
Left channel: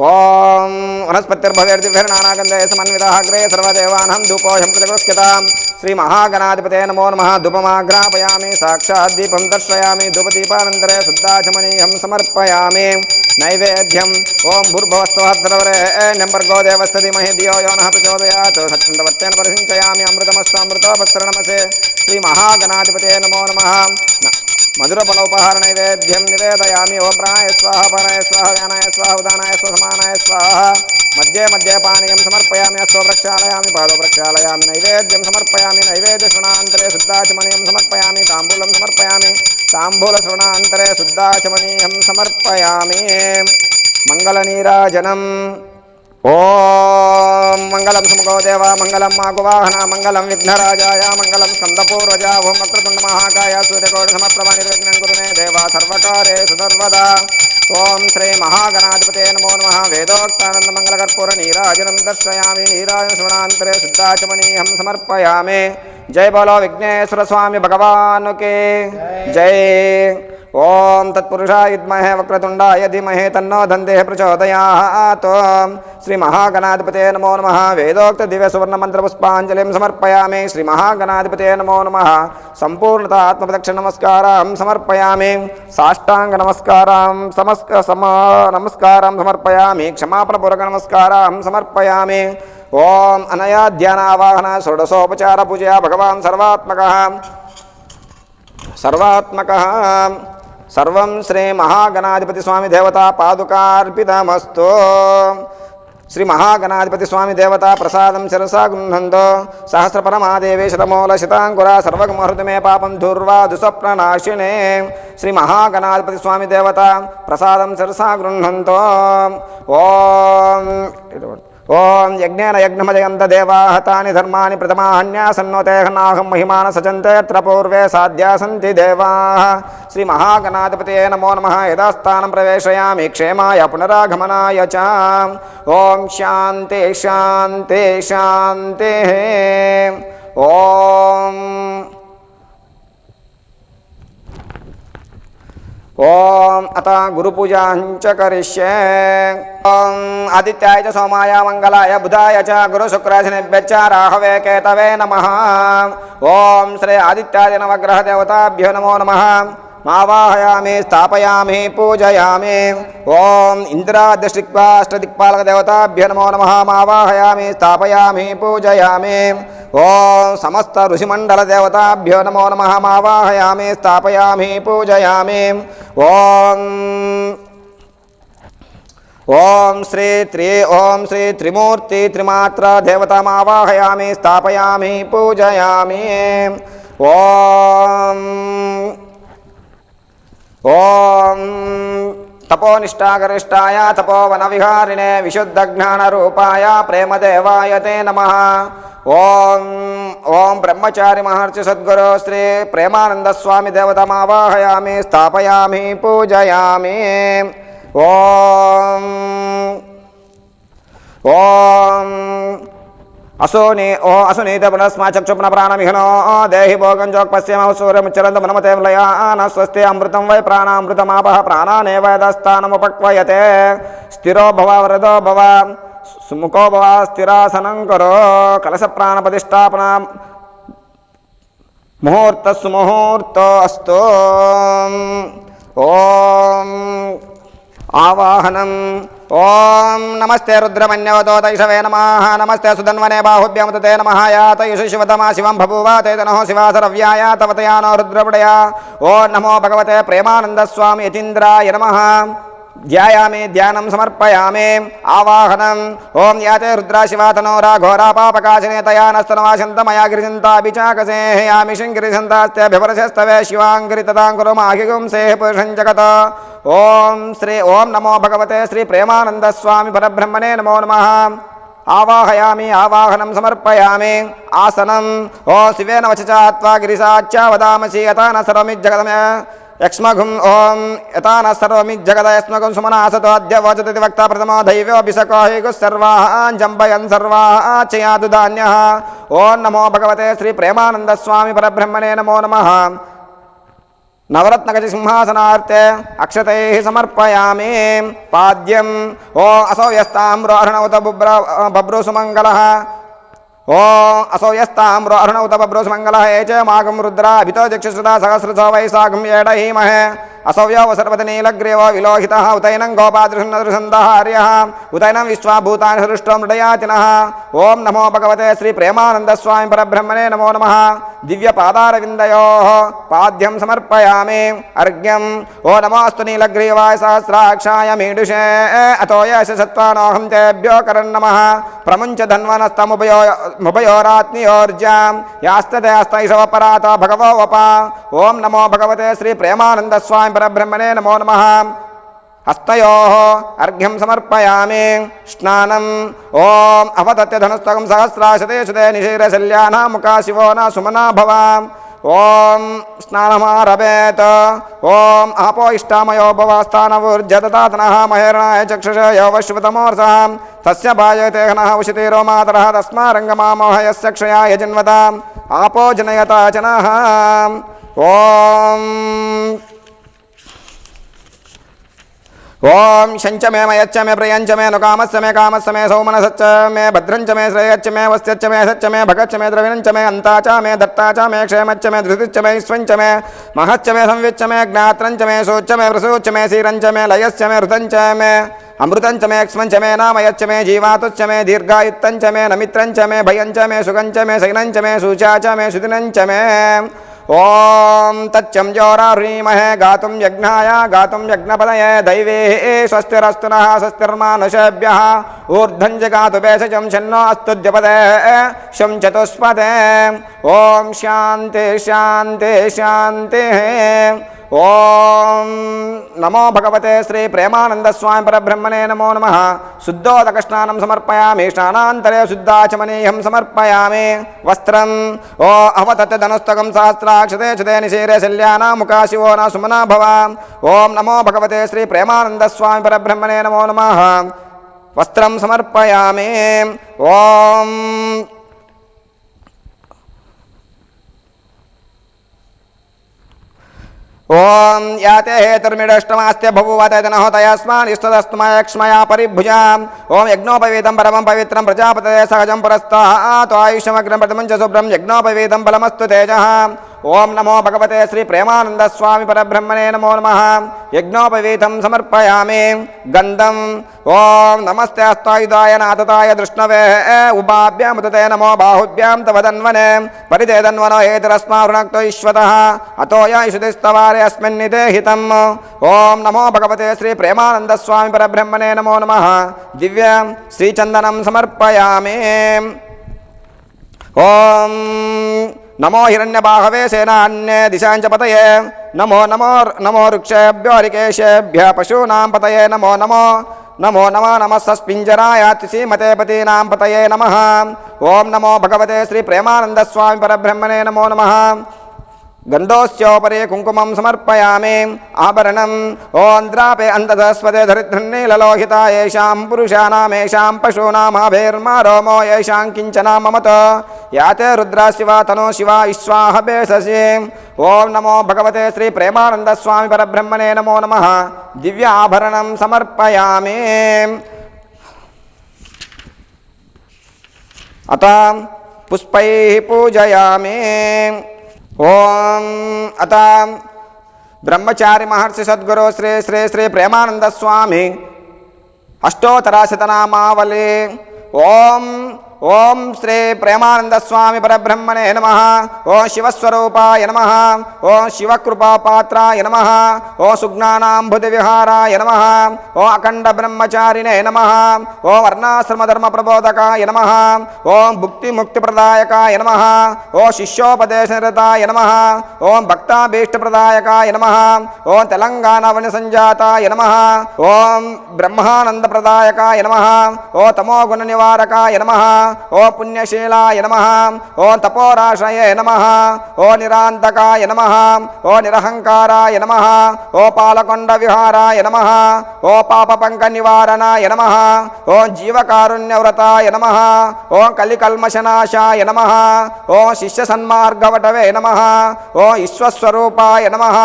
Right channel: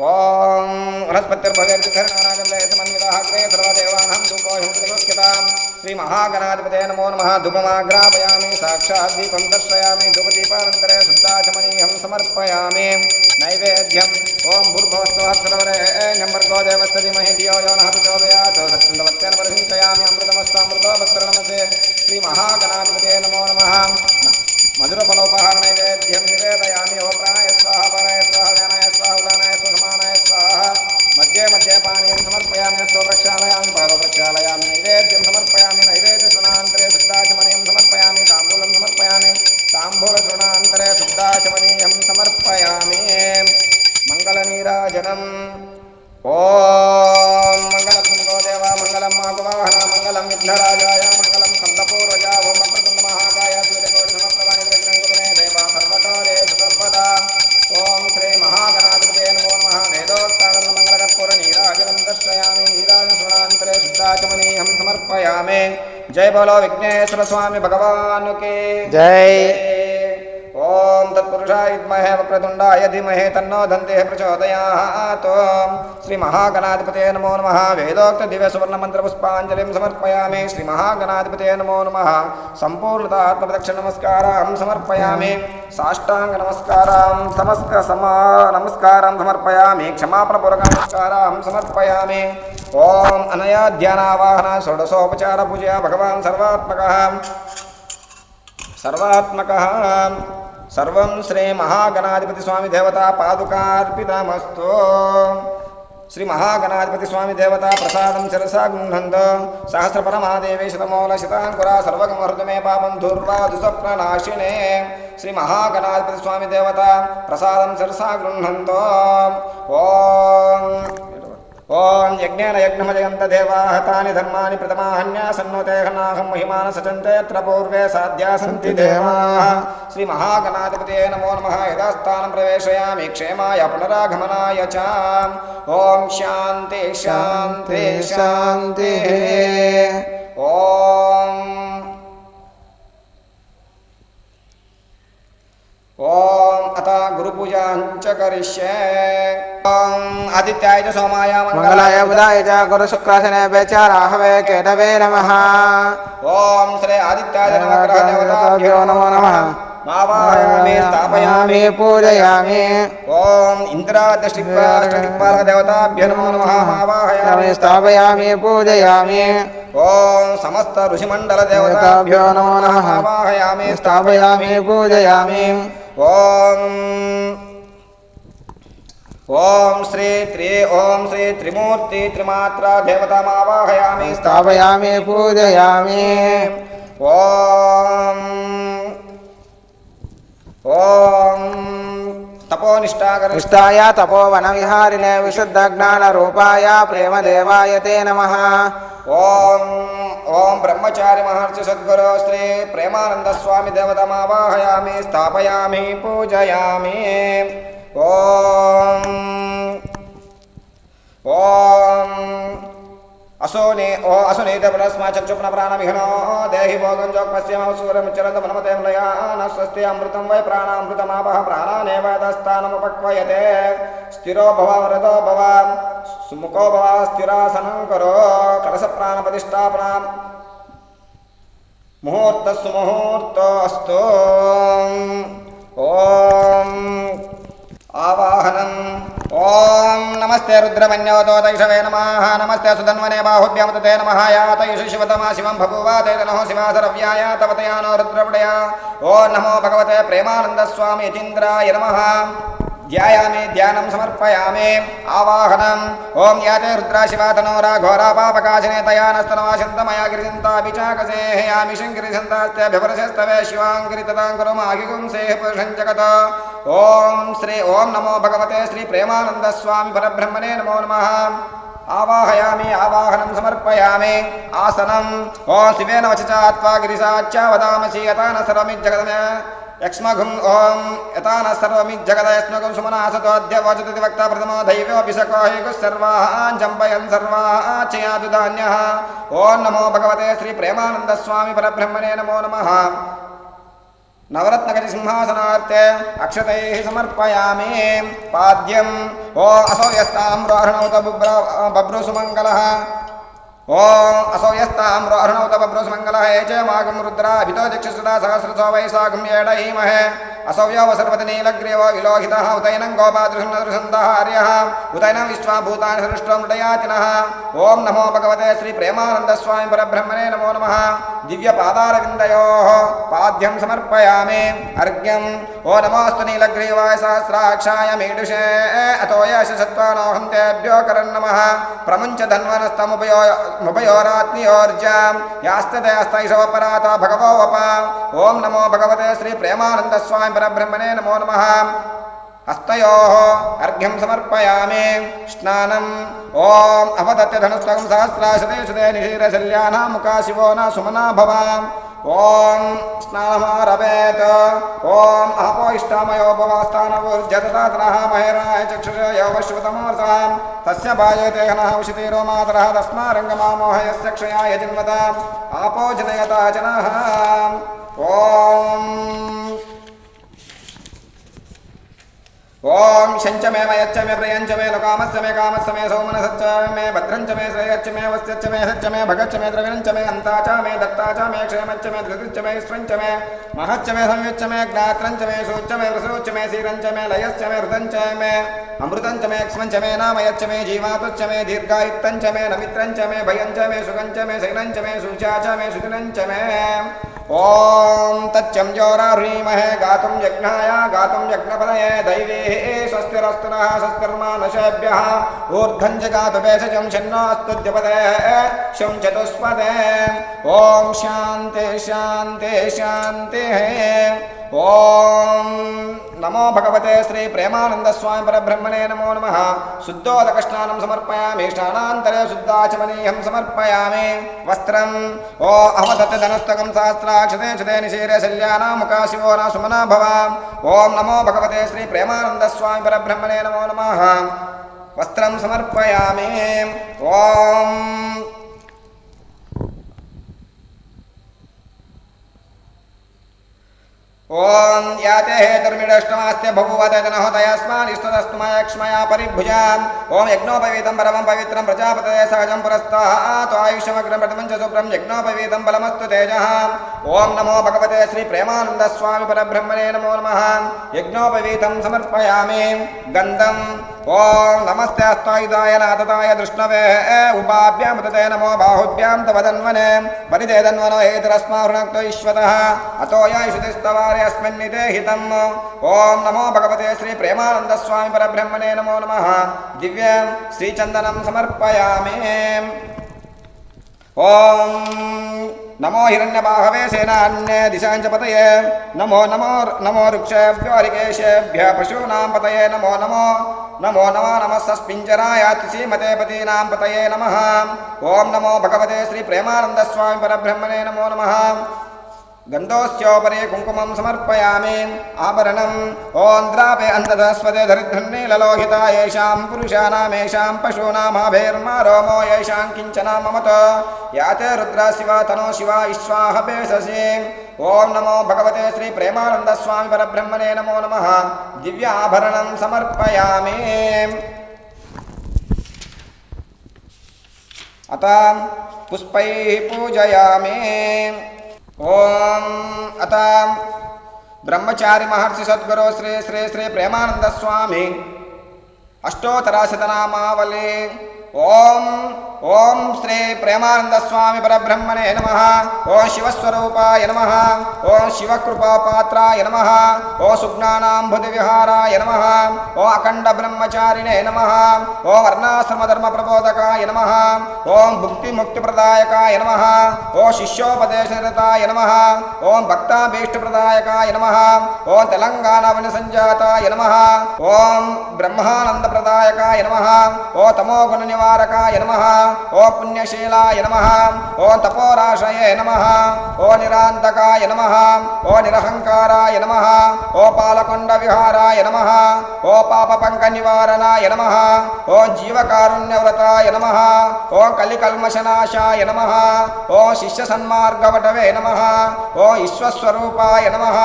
ఓం వనస్పతిర్భవేర్దిభిర్నానాగంధైః సమన్వితః అగ్రే సర్వదేవానాం ధూపోऽహం ప్రతిగృహ్యతాం. శ్రీ మహాగణాధిపతే నమో నమః. ధూపమాగ్రాపయామి. సాక్షాత్ దీపం దర్శయామి. ధూపదీపానంతరే శుద్ధాచమనీయం సమర్పయామి. నైవేద్యం. ఓం భూర్భువస్సువః సర్వరేణ్యం భర్గో దేవस्य ధీమహి ధియో యో నః ప్రచోదయాత్. సత్సంతవత్తేన పరిసించయామి. అమృతమస్తామృతోపస్తరణమసే. శ్రీ మహాగణాధిపతే నమో నమః. మధురఫలోపహార నైవేద్యం నివేదయామి. ఓం ప్రాణాయ స్వాహ పరాయ స్వాహ వ్యానాయ స్వాహ ఉదానాయ స్వాహ సమానాయ స్వాహ. మధ్యే మధ్యే పానీయం సమర్పయామి. హస్తో ప్రక్షాళయామి. పాదో ప్రక్షాళయామి. నైవేద్యం సమర్పయామి. నైవేద్య శృణాంతరే శుద్ధాచమనీయం సమర్పయామి. తాంబూలం సమర్పయామి. తాంబూల శృణాంతరే శుద్ధాచమనీయం సమర్పయామి. మంగళనీరాజనం. ఓం మంగళం సుముఖో దేవ మంగళం మాగువాహన మంగళం విఘ్నరాజాయ మంగళం స్కందపూర్వజ. ఓం వక్రతుండ మహాకాయ సూర్యకోటి సమప్రభా నిర్విఘ్నం కురు మే దేవ సర్వకార్యేషు సర్వదా. ఓం శ్రీ మహాగణాధిపతే నమో నమః. వేదోక్తానంద మంగళకర్పూర నీరాజనం దర్శయామి. నీరాజన శృణాంతరే శుద్ధాచమనీయం సమర్పయామి. జై బలో విఘ్నేశ్వర స్వామి భగవాన్ కి జై జై. ఓం తత్పురుషాయ విద్మహే వక్రతుండాయ ధీమహి తన్నో దందేః ప్రచోదయాత్. శ్రీ మహాగణాధిపతే నమో నమః. వేదోక్త దివ్య సువర్ణ మంత్ర పుష్పాంజలిం సమర్పయామి. శ్రీ మహాగణాధిపతే నమో నమః. సంపూర్ణత ఆత్మప్రదక్షిణ నమస్కారం సమర్పయామి. సాష్టాంగ నమస్కారం నమస్కారం సమర్పయామి. క్షమాపణపూర్వక నమస్కారం సమర్పయామి. ఓం అనయా ధ్యానావాహన షోడశోపచార పూజయా భగవాన్ సర్వాత్మకః సర్వం శ్రీ మహాగణాధిపతి స్వామి దేవతా పాదుకార్పితమస్తు. శ్రీ మహాగణాధిపతి స్వామి దేవతా ప్రసాదం శిరసా గృహంతో సహస్రపరమాదేవి శతమూల శతాంకురా సర్వగమహృతి మే పాపం దుర్వా దుస్వప్ననాశినే. శ్రీ మహాగణాధిపతి స్వామి దేవతా ప్రసాదం శిరసా గృహంతో. ఓం ఓం యజ్ఞేన యజ్ఞమజయంత దేవాః తాని ధర్మాని ప్రథమాహన్యాసన్నోతేహనాహం మహిమాన సచంతే యత్ర పూర్వే సాధ్యా సంతి దేవాః. శ్రీ మహాగణాధిపతయే నమో నమః. యథాస్థానం ప్రవేశయామి క్షేమాయ పునరాగమనాయ చ. ఓం శాంతి శాంతి శాంతి. ఓం అత గురుపూజాంచ కరిష్యే. ఓం ఆదిత్యాయ చ సోమాయ మంగళాయ బుధాయ చ గురు శుక్రాశనేభ్యశ్చ రాహవే కేతవే నమః. ఓం శ్రీ ఆదిత్యాది నవగ్రహ దేవతాభ్యో నమో నమః. మావాహయామి స్థాపయామి పూజయామి. ఓం ఇంద్రాదృష్టిక్వాష్టదిక్పాలక దేవతాభ్యో నమో నమః. మావాహయామి స్థాపయామి పూజయామి. ఓం సమస్త ఋషిమండల దేవతాభ్యో నమో నమః. మావాహయామి స్థాపయామి పూజయామి. ఓం శ్రీ త్రిమూర్తి త్రిమాత్ర దేవతామావాహయామి స్థాపయామి పూజయామి. ఓం తపోనిష్టాగరిష్టాయ తపోవన విహారిణే విశుద్ధ జ్ఞాన రూపాయ ప్రేమదేవాయ తే నమః. ఓం బ్రహ్మచారి మహర్షి సద్గురు శ్రీ ప్రేమానంద స్వామి దేవతమావాహయామి స్థాపయామి పూజయామి. ఓం అసునీత పునస్మా చక్షుప్న ప్రాణమిహనో దేహి భోగం జోక్పశ్యమ సూర్యముచ్చరంత మనమతే లయాన స్వస్తి అమృతం వై ప్రాణామృతమాపః ప్రాణానేవ యదస్థానముపక్వయతే. స్థిరో భవ వరదో భవ సుముఖో భవ స్థిరాసనం కరో. కలశ ప్రాణ ప్రతిష్టాపన ముహూర్త సుముహూర్తో అస్తు. ఓం ఆవాహనం. ఓం నమస్తే రుద్రమన్యోతోతైషవే నమః. నమస్తే సుధన్వనే బాహుభ్యమతే నమః. యాతయుషు శివతమా శివం బభూవ తేజనో శివాసరవ్యాయ తమతయానో రుద్రపుడయా. ఓం నమో భగవతే ప్రేమానంద స్వామి యతీంద్రాయ నమః. ధ్యాయామి ధ్యానం సమర్పయామి. ఆవాహనం. ఓం యాతే రుద్రా శివాతనోరా ఘోరా పాపకాశినే తయానస్తనవాశంతమయా గిరిజంతాభిచాకసే యామి శంకిరిజంతాస్తేభివరశస్తవే శివాంగిరి తదాంగురు మాహిగుంసే పురుషం జగత. ఓం నమో భగవతే శ్రీ ప్రేమానంద స్వామి పరబ్రహ్మణే నమో నమః. ఆవాహయామి ఆవాహనం సమర్పయామి. ఆసనం. ఓ శివేన వచచాత్వా గిరిసాచ్యా వదామసి యతాన సర్వమిజ్జగదమే యక్ష్మఘుం. ఓం యతాన సర్వమిజ్జగద యస్మఘుం సుమనాసతో అద్య వచతి వక్త ప్రథమో దైవ్యోభిషకో సర్వాన్ జంబయన్ సర్వాచయాదు ధాన్యః. ఓం నమో భగవతే శ్రీ ప్రేమానంద స్వామి పరబ్రహ్మణే నమో నమః. నవరత్నగజ సింహాసనార్తే అక్షతైః సమర్పయామి. పాద్యం. ఓ అసౌయస్తామ్రోహణౌత బభ్రూసుమంగళః. ఓం అసౌయస్తామ్రోహణౌత బభ్రూసుమంగళః. ఏచ మాగం రుద్రా అభితో దిక్షుసుదా సహస్రసో వైశాఖం ఏడహీమహే. असव्यो सर्वतनीलग्रीवो विलोहितः उतैनं गोपादृशन्दहार्यः उतैनं विश्वाभूतानि हृष्टमृडयातिनः। ओं नमो भगवते श्री प्रेमानंद स्वामी परब्रह्मणे नमो नमः। दिव्य पादारविन्दयोः पाद्यं समर्पयामि अर्घ्यं। ओ नमोऽस्तु नीलग्रीवाय सहस्राक्षाय मीडुषे अतो यशसत्त्वानोऽहं तेभ्यो करन् नमः। प्रमुञ्च धन्वनस्तमुभयोरात्मयोर्जां यास्तते अस्तैषवपराता भगवो वपा। ओं नमो भगवते श्री प्रेमानंद स्वामी परब्रह्मणे नमो नमः। हस्तयोः अर्घ्यं समर्पयामि स्नानम्। ओं अवदत्ते धनुस्तकं सहस्राशते शुते निशीरशल्याना मुखा शिवो न सुमना भव। ओं स्नानमारभेत। ओं आपो इष्टामयो भवास्थानवूर्जदतातनः महेरणाय चक्षुषयो वश्वतमोर्सः तस्य भाजतेहनः उशितिरो मातरः तस्मारङ्गमामोह यस्य क्षयाय जिन्वता आपो जनयता जनः। ओं ओं शंच मे मयच्च मे प्रियंच मे नुकामस्य मे कामस्य मे सौमनसच्च मे भद्रंच मे श्रेयच्च मे वस्त्यच्च मे सच्च मे भगच्च मे द्रविणंच मे अन्ताच मे दत्ताच मे क्षेमच्च मे धृतिच्च मे ईश्वंच मे महच्च मे संविच्च मे ज्ञात्रंच मे शोच्च मे वृसूच्च मे सीरंच मे लयश्च मे हृतंच मे अमृतंच मे क्ष्मंच मे नामयच्च मे जीवातुच्च मे दीर्घायुत्तंच मे नमित्रंच मे भयंच मे सुगंच मे सैनंच मे सूचाच मे सुदिनंच मे। ओं तच्चं जोरारीमहे गातुं यज्ञाय गातुं यज्ञपदये दैवे स्वस्तिरस्तु नः स्वस्तिर्मानुषेभ्यः ऊर्ध्वं जगातु भेषजं शन्नोऽस्तुद्यपदे शं चतुष्पदे। ओं शान्ति शान्ति शान्तिः। ओं నమో భగవతే శ్రీ ప్రేమానంద స్వామి పరబ్రహ్మణే నమో నమః. శుద్ధోదక స్నానం సమర్పయామి. స్నానాంతరే శుద్ధాచమనీయం సమర్పయామి. వస్త్రం ఓ అవదత్ ధనుస్తకం సహస్రాక్షతే క్షతే నిశీరే శల్యానా ముఖా శివో నా సుమనా భవ. ఓం నమో భగవతే శ్రీ ప్రేమానంద స్వామి పరబ్రహ్మణే నమో నమః. వస్త్రం సమర్పయామి. ఓం ఓం యాతే హేతుర్మిడష్టమాస్త్య బభూవతయస్మాన్ ఇష్టదస్మయక్ష్మయా పరిభుజాం. ఓం యజ్ఞోపవీతం పరమం పవిత్రం ప్రజాపతయే సహజం పురస్తాత్ ఆయుష్యమగ్రం ప్రథమం చ శుభ్రం యజ్ఞోపవీతం బలమస్తు తేజః. ఓం నమో భగవతే శ్రీ ప్రేమానంద స్వామి పరబ్రహ్మణే నమో నమః. యజ్ఞోపవీతం సమర్పయామి. గంధం ఓం నమస్తే అస్తాయుధాయ నాథతాయ దృష్ణవే ఉపాభ్యాం ఉదతే నమో బాహుభ్యాం తవదన్వనే పరిదేదన్వనో హేతురస్మారుణక్తో ఈశ్వతః అతోయాయుషుతిస్తవారే అస్మిన్నితే హితం. ఓం నమో భగవతే శ్రీ ప్రేమానంద స్వామి పరబ్రహ్మణే నమో నమః. దివ్య శ్రీచందనం సమర్పయామి. ఓం నమో హిరణ్యబాహవే సేనాన్యే దిశాంచ పతయే నమో నమో నమో వృక్షేభ్యో రికేశేభ్య పశూనాం పతయే నమో నమో నమో నమో నమస్సస్పింజరాయ శ్రీమతే పతీనాం పతయే నమః. ఓం నమో భగవతే శ్రీ ప్రేమానంద స్వామి పరబ్రహ్మణే నమో నమః. గంధోస్యోపరే కుంకుమం సమర్పయామి. ఆభరణం ఓం ద్రాపే అంధధస్వతే ధరిధృన్నీలలోహిత ఏషాం పురుషానామేషాం పశూనామాభైర్మారోమో ఏషాం కించనా మమత యాతే రుద్రా శివ తనో శివ విశ్వాహ బేససి. ఓం నమో భగవతే శ్రీ ప్రేమానంద స్వామి పరబ్రహ్మణే నమో నమః. దివ్య ఆభరణం సమర్పయామి. అత పుష్పై పూజయామి. ఓం అత బ్రహ్మచారి మహర్షి సద్గురు శ్రీ శ్రీ శ్రీ ప్రేమానంద స్వామి అష్టోత్తరాశతనామావళి. ఓం ఓం శ్రీ ప్రేమానంద స్వామి పరబ్రహ్మణే నమః. ఓం శివస్వరూపాయ నమః. ఓం శివకృపాపాత్రాయ నమః. ఓం సుజ్ఞానాంబుధి విహారాయ నమః. ఓం అఖండ బ్రహ్మచారిణే నమః. ఓం వర్ణాశ్రమ ధర్మ ప్రబోధకాయ నమః. ఓం భుక్తి ముక్తి ప్రదాయకాయ నమః. ఓం శిష్యోపదేశరతాయ నమః. ఓం భక్తాభీష్టప్రదాయకాయ నమః. ఓం తెలంగాణ వన సంజాతాయ నమః. ఓం బ్రహ్మానంద ప్రదాయకాయ నమః. ఓం తమోగుణ నివారకాయ నమః. ఓ పుణ్యశీలాయ నమః. ఓ తపోరాశయే నమః. ఓ నిరాంతకాయ నమః. ఓ నిరహంకారాయ నమః. ఓ పాలకొండ విహారాయ నమః. ఓ పాప పంక నివారణాయ నమః. ఓ జీవకారుణ్యవ్రతాయ నమః. ఓ కలికల్మషనాశాయ నమః. ఓ శిష్య సన్మార్గవటవే నమః. ఓ ఈశ్వస్వరూపాయ నమః.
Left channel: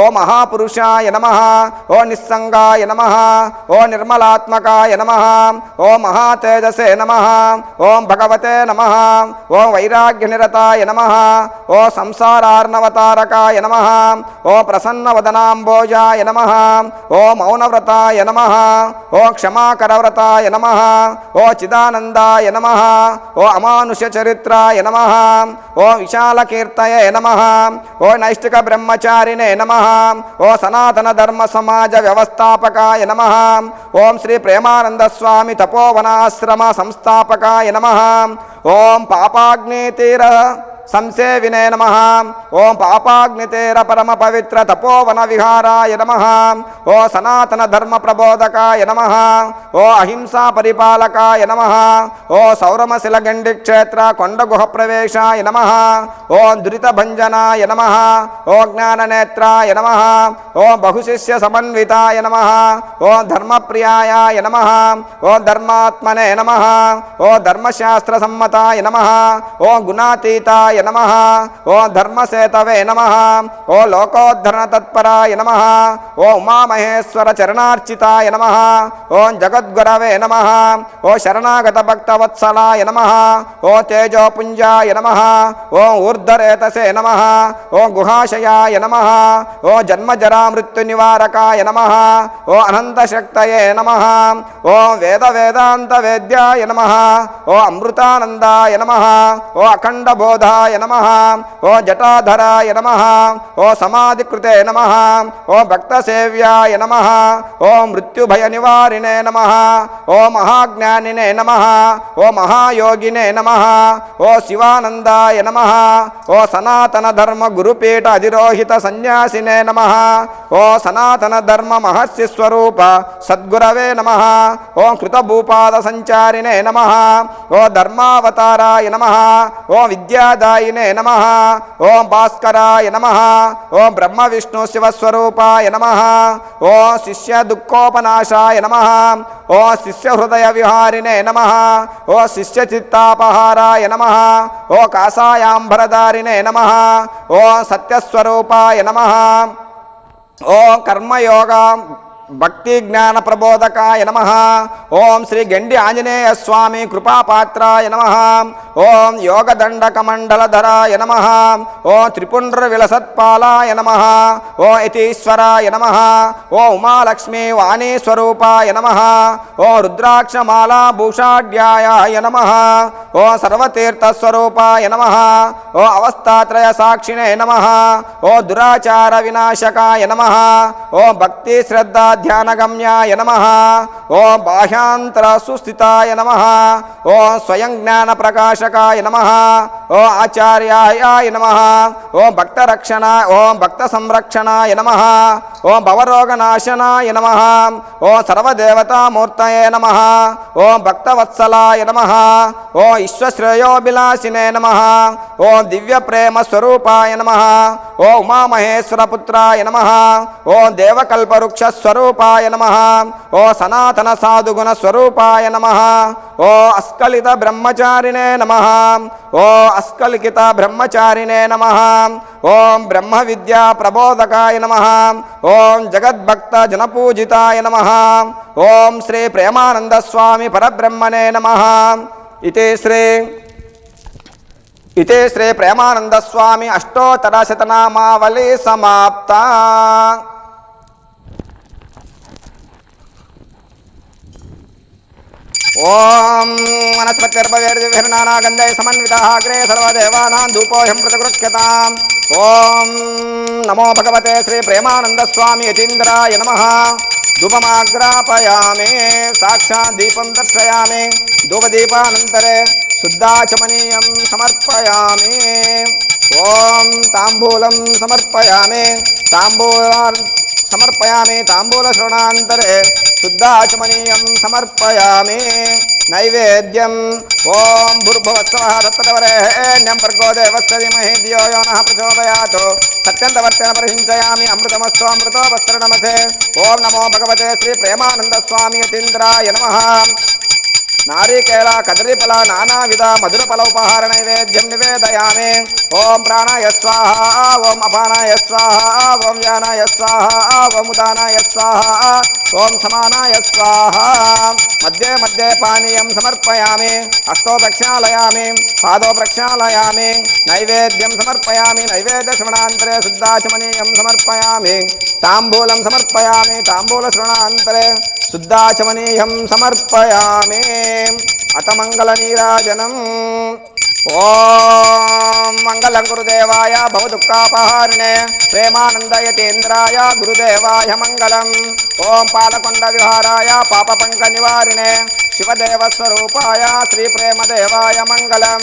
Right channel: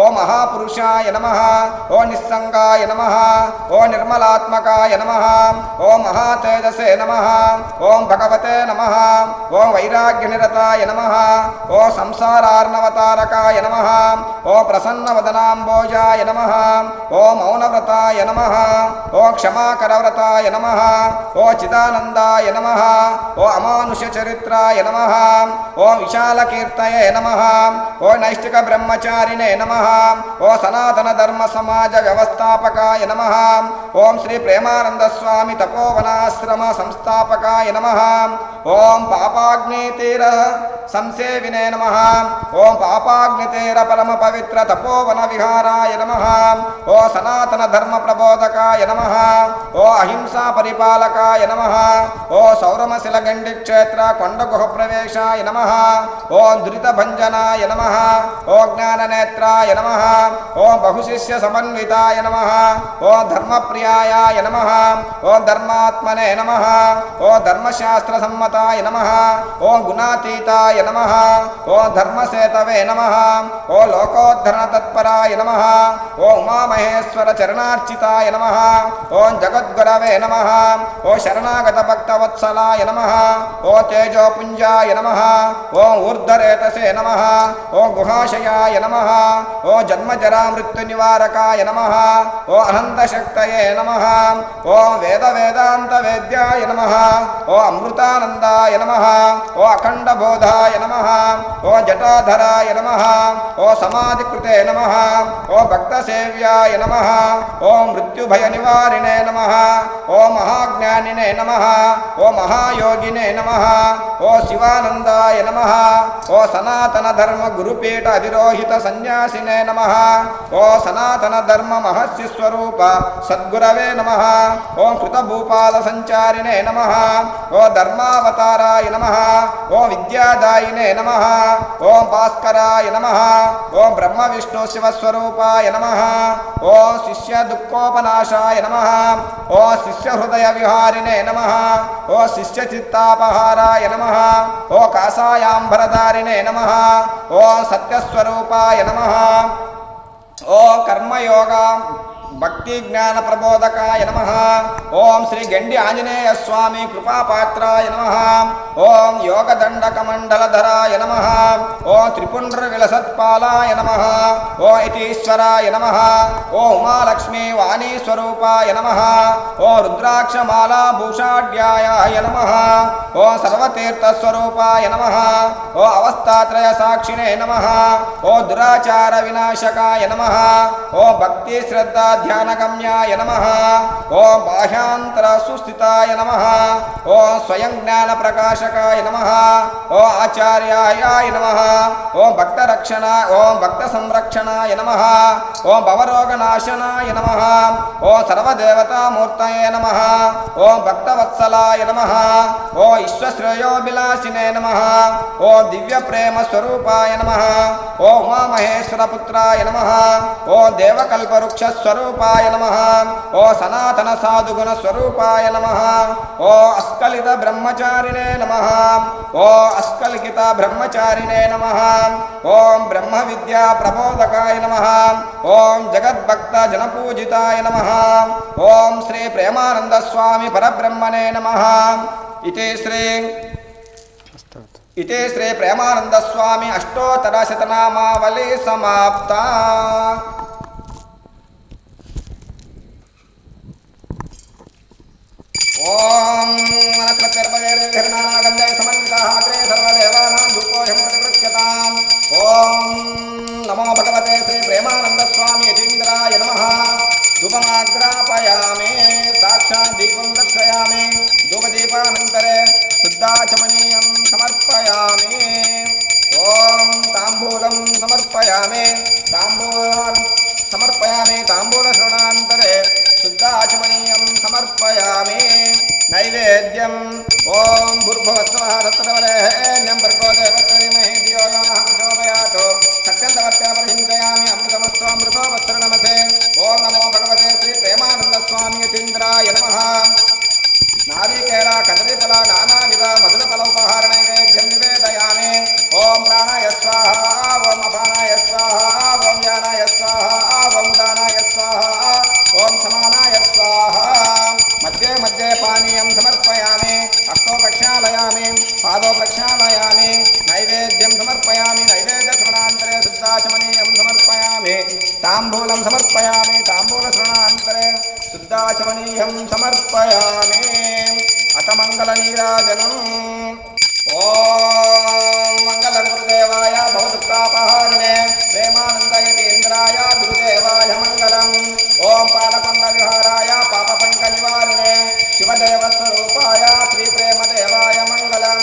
ఓ మహాపురుషాయ నమః. ఓ నిస్సంగాయ నమః. ఓ నిర్మలాత్మకాయ నమః. ఓ మహాతేజసే నమః. ఓం భగవతే నమః. ఓం వైరాగ్యనిరతాయ నమః. ఓ సంసారార్ణవతారకాయ నమః. ఓ ప్రసన్నవదనాంబోజాయ నమః. ఓ మౌనవ్రతాయ నమః. ఓ క్షమాకరవ్రతాయ నమః. ఓ చిదానందాయ నమః. ఓ అమానుష చరిత్రాయ నమః. ఓ విశాలకీర్తయే నమః. ఓ నైష్టిక బ్రహ్మచారిణే నమః. ఓ సనాతన ధర్మ సమాజ వ్యవస్థాపకాయ నమః. ఓం శ్రీ ప్రేమానంద స్వామి తపోవనాశ్రమ సంస్థాపకాయ నమః. ఓం పాపాగ్నితీర సంసేవినే నమః. ఓం పాపాగ్నితీర పరమ పవిత్ర తపోవన విహారాయ నమః. ఓ సనాతన ధర్మ ప్రబోధకాయ నమః. ఓ అహింసా పరిపాలకాయ నమః. ఓ సౌరమశిల గండి క్షేత్ర కొండ గుహ ప్రవేశాయ నమః. ఓ దురిత భంజనాయ నమః. ఓ జ్ఞాననేత్రాయ నమః. ఓ బహుశిష్య సమన్వితాయ నమః. ఓ ధర్మప్రియాయ నమః. ఓ ధర్మాత్మనే నమః. ఓ ధర్మశాస్త్ర సమ్మతాయ నమః. ఓ గుణాతీతాయ నమః. ఓ ధర్మసేతవే నమః. ఓ లోకోద్ధరణ తత్పరాయ నమః. ఓ ఉమామహేశ్వర చరణార్చితాయ నమః. ఓం జగద్గురవే నమః. ఓ శరణాగత భక్తవత్సలాయ నమః. ఓ తేజోపుంజాయ నమః. ఓ ఊర్ధరేతసే నమః. ఓ గుహాశయాయ నమః. ఓ జన్మజరా మృత్యు నివారకాయ నమః. ఓ అనంతశక్తయే నమః. ఓ వేద వేదాంత వేద్యాయ నమః. ఓ అమృతానందాయ నమః. ఓ అఖండ బోధాయ నమః ఓ జటాధరాయ నమః ఓ సమాధికృతే నమః ఓ భక్తసేవ్యాయ నమః ఓ మృత్యుభయ నివారిణే నమః ఓ మహాజ్ఞానినే నమః ఓ మహాయోగినే నమః ఓ శివానందాయ నమః ఓ సనాతన ధర్మ గురుపీఠ అధిరోహిత సన్యాసినే నమః ఓ సనాతన ధర్మ మహస్య స్వరూప సద్గురవే నమః ఓ కృతభూపాల సంచారినే నమః ఓ ధర్మావతారాయ నమః ఓ విద్యాదాయినే నమః ఓ భాస్కరాయ నమః ఓ బ్రహ్మ విష్ణు శివస్వరూపాయ నమః ఓ శిష్య దుఃఖోపనాశాయ నమః ఓ శిష్య హృదయ విహారినే నమః ఓ శిష్య చిత్తాపహారాయ నమః ఓ కాషాయాంబరధారినే నమః ఓ సత్యస్వరూపాయ నమః ఓ కర్మయోగ భక్తి జ్ఞాన ప్రబోధకాయ నమః ఓం శ్రీ గండి ఆంజనేయ స్వామి కృపాపాత్రాయ నమః ఓం యోగదండకమండలధరాయ నమః ఓ త్రిపుండ్ర విలసత్పాలాయ నమః ఓ యతీశ్వరాయ నమః ఓ ఉమాలక్ష్మీ వాణీ స్వరూపాయ నమః ఓ రుద్రాక్షమాలా భూషాఢ్యాయ నమః ఓ సర్వతీర్థ స్వరూపాయ నమః ఓ అవస్థాత్రయ సాక్షినే నమః ఓ దురాచార వినాశకాయ నమః ఓ భక్తి శ్రద్ధ ధ్యానగమ్యాయ నమః ఓ బాహ్యాంతర సుస్థితాయ నమః ఓ స్వయం జ్ఞాన ప్రకాశకాయ నమః ఓ ఆచార్యాయ నమః ఓ భక్త రక్షణ ఓ భక్త సంరక్షణాయ నమః ఓ భవరోగనాశనాయ నమః ఓ సర్వదేవతామూర్తయే నమః ఓ భక్తవత్సలాయ నమః ఓ విశ్వశ్రేయోభిలాషినే నమః ఓ దివ్య ప్రేమ స్వరూపాయ నమః ఓ ఉమామహేశ్వర పుత్రాయ నమః ఓ దేవకల్పవృక్ష స్వరూపాయ నమః ఓ సనాతన సాధుగుణ స్వరూపాయ నమః ఓ అస్కలిత బ్రహ్మచారిణే నమః ఓ అస్కలిత బ్రహ్మచారిణే నమః ఓం బ్రహ్మ విద్యా ప్రబోధకాయ నమః ఓం జగద్భక్త జనపూజితాయ నమః ఓం శ్రీ ప్రేమానంద స్వామి పరబ్రహ్మణే నమః ఇతే శ్రీ ప్రేమానంద స్వామి అష్టోత్తర శతనామావళి సమాప్త. ఓం వనస్పతిర్భవేర్విర్నానాగంధై సమన్వితః అగ్రే సర్వదేవానాం ధూపోऽహం ప్రతిగృహ్యతాం. ఓం నమో భగవతే శ్రీ ప్రేమానంద స్వామి యతీంద్రాయ నమః. ధూపమాగ్రాపయామి, సాక్షాత్ దీపం దర్శయామి. ధూపదీపానంతరే శుద్ధాచమనీయం సమర్పయామి. ఓం తాంబూలం సమర్పయామి. తాంబూలశ్రవణాంతరే శుద్ధాచమనీయం సమర్పయామి. నైవేద్యం ఓం భూర్భువస్వః తత్సవితుర్వరేణ్యం భర్గో దేవस्य ధీమహి ధియో యో నః ప్రచోదయాత్. సత్యంతవర్తేన పరిహించయామి అమృతమస్తు అమృతోపస్తు నమస్తే. ఓం నమో భగవతే శ్రీ ప్రేమానంద స్వామి యతీంద్రాయ నమః. నారీకేళ కదలీఫల నానావిధ మధురఫలోపహార నైవేద్యం నివేదయామి. ఓం ప్రాణాయ స్వాహ, ఓం అపానాయ స్వాహ, ఓం వ్యానాయ స్వాహ, ఓం ఉదానాయ స్వాహ, ఓం సమానాయ స్వాహ. మధ్యే మధ్యే పానీయం సమర్పయామి. హస్తో ప్రక్షాళయామి, పాదో ప్రక్షాళయామి. నైవేద్యం సమర్పయామి. నైవేద్య శ్రవణాంతరే శుద్ధాచమనీయం సమర్పయామి. తాంబూలం సమర్పయామి. తాంబూల శ్రవణాంతరే శుద్ధాచమనీయం సమర్పయామి. అత మంగళ నీరాజనం. ఓం మంగళం గురుదేవాయ భవదుఃఖాపహారిణే ప్రేమానందయతేంద్రాయ గురుదేవాయ మంగళం. ఓం పాలకొండ విహారాయ పాపపంక నివారిణే శివదేవస్వరూపాయ శ్రీ ప్రేమదేవాయ మంగళం.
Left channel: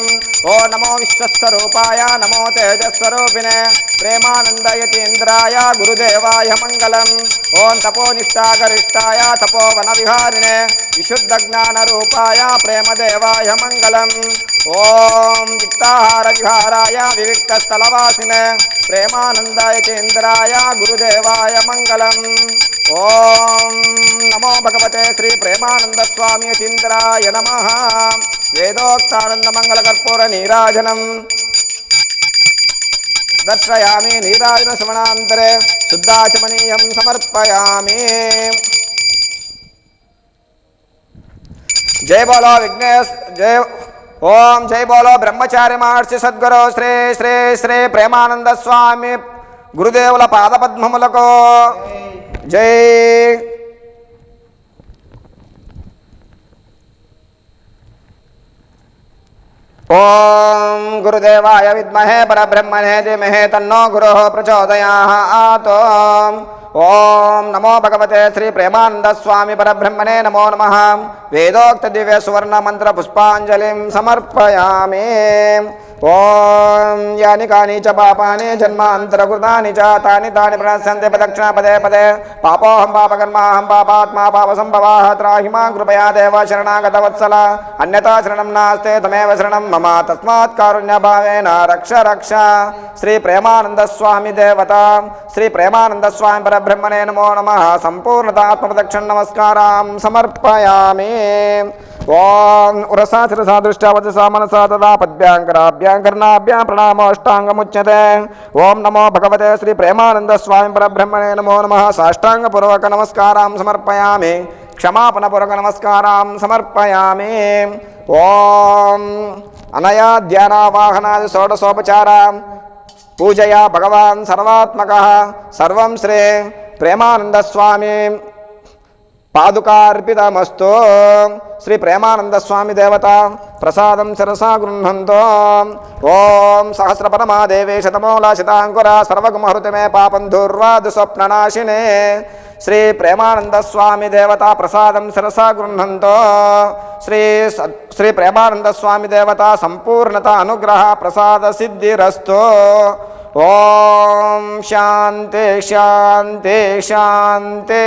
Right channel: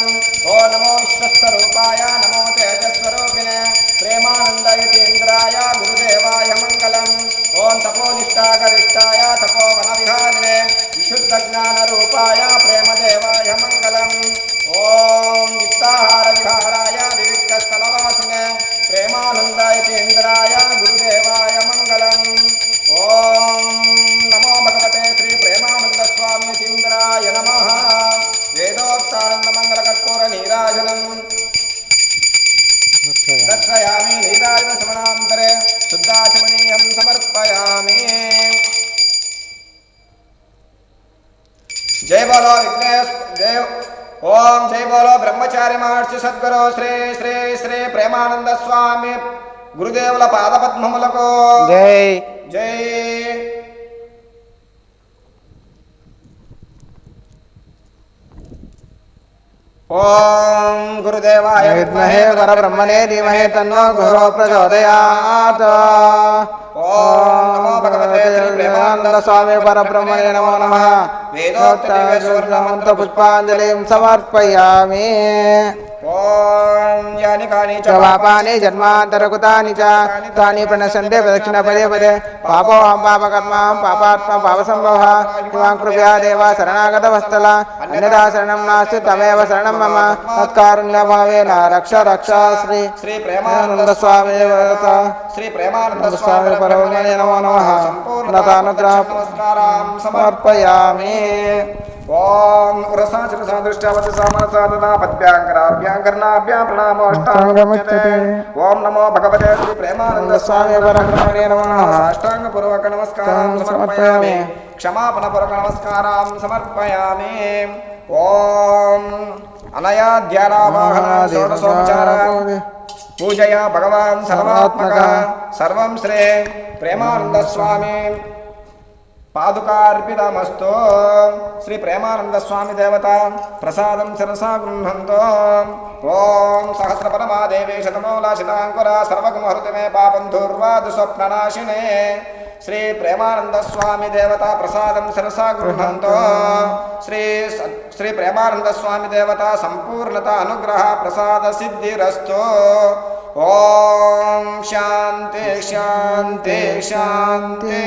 ఓ నమో విశ్వస్వరూపాయ నమో తేజస్వరూపిణే ప్రేమానందయతేంద్రాయ గురుదేవాయ మంగళం. ఓం తపోనిష్టాగరిష్టాయ తపోవన విహారిణే విశుద్ధ జ్ఞాన రూపాయ ప్రేమదేవాయ మంగళం. ఓం విక్తాహార విహారాయ వివిక్త స్థలవాసినే ప్రేమానందయతేంద్రాయ గురుదేవాయ మంగళం. ఓం నమో భగవతే శ్రీ ప్రేమానంద స్వామి యతీంద్రాయ నమః. వేదోక్తానంద మంగళ కర్పూర నీరాజనం దర్శయామి. నీరాజన శ్రవణాంతరే శుద్ధాచమనీయం సమర్పయామి. జయ బోలో విఘ్నేశ్ జయ. ఓం జై బోలో బ్రహ్మచారి మహర్షి సద్గురు శ్రీ శ్రీ శ్రీ ప్రేమానంద స్వామి గురుదేవుల పాదపద్మములకు జై జై. ఓం गुरुदेवाय विद्महे परब्रह्मणे धीमहि तन्नो गुरुः प्रचोदयात्। ओम नमो भगवते श्री प्रेमानंद स्वामी परब्रह्मणे नमो नमः। वेदोक्त दिव्य सुवर्ण मंत्र पुष्पांजलिं समर्पयामि। ओम यानि कानि च पापानि जन्मान्तरकृतानि च तानि तानि प्रणश्यन्ति प्रदक्षिणपदे पदे पापोऽहं कृपया देव शरणागतवत्सल अन्यथा शरणास्ते तमेव शरणं मम तस्मात् कारुण्यभावेन रक्ष रक्ष। श्री प्रेमानंद स्वामी देवता श्री प्रेमानंद स्वामी परब्रह्मणे नमो नमः। संपूर्णतः प्रदक्षिण नमस्कारां समर्पयामि। ओम उरसा शिरसा दृष्टावचसा मनसा तदा पद्भ्यां कर्णाभ्यां प्रणामोऽष्टाङ्गमुच्यते। ओम नमो भगवते श्री प्रेमानंद स्वामी परब्रह्मणे नमो नमः। साष्टाङ्गपूर्वक नमस्कारां समर्पयामि। क्षमापणपूर्वक नमस्कारां समर्पयामि। ओम अनया ध्यानावाहनां षोडशोपचारां पूजया भगवान् सर्वात्मकः सर्वं श्री प्रेमानंद स्वामी पादुकार्पितमस्तु। श्री प्रेमानंद स्वामी देवता प्रसादं सरसा गृह्णन्तु। ओम सहस्रपदमा देवे शतमूला शतांकुरा सर्वगुमहृति मे पापं दूर्वाद स्वप्ननाशिने। श्री प्रेमानंद स्वामी देवता प्रसादं सरसा गृह्णन्तु। श्री प्रेमानंद स्वामी देवता संपूर्णता अनुग्रह प्रसाद सिद्धिरस्तु। ओम शांति शांति शांति।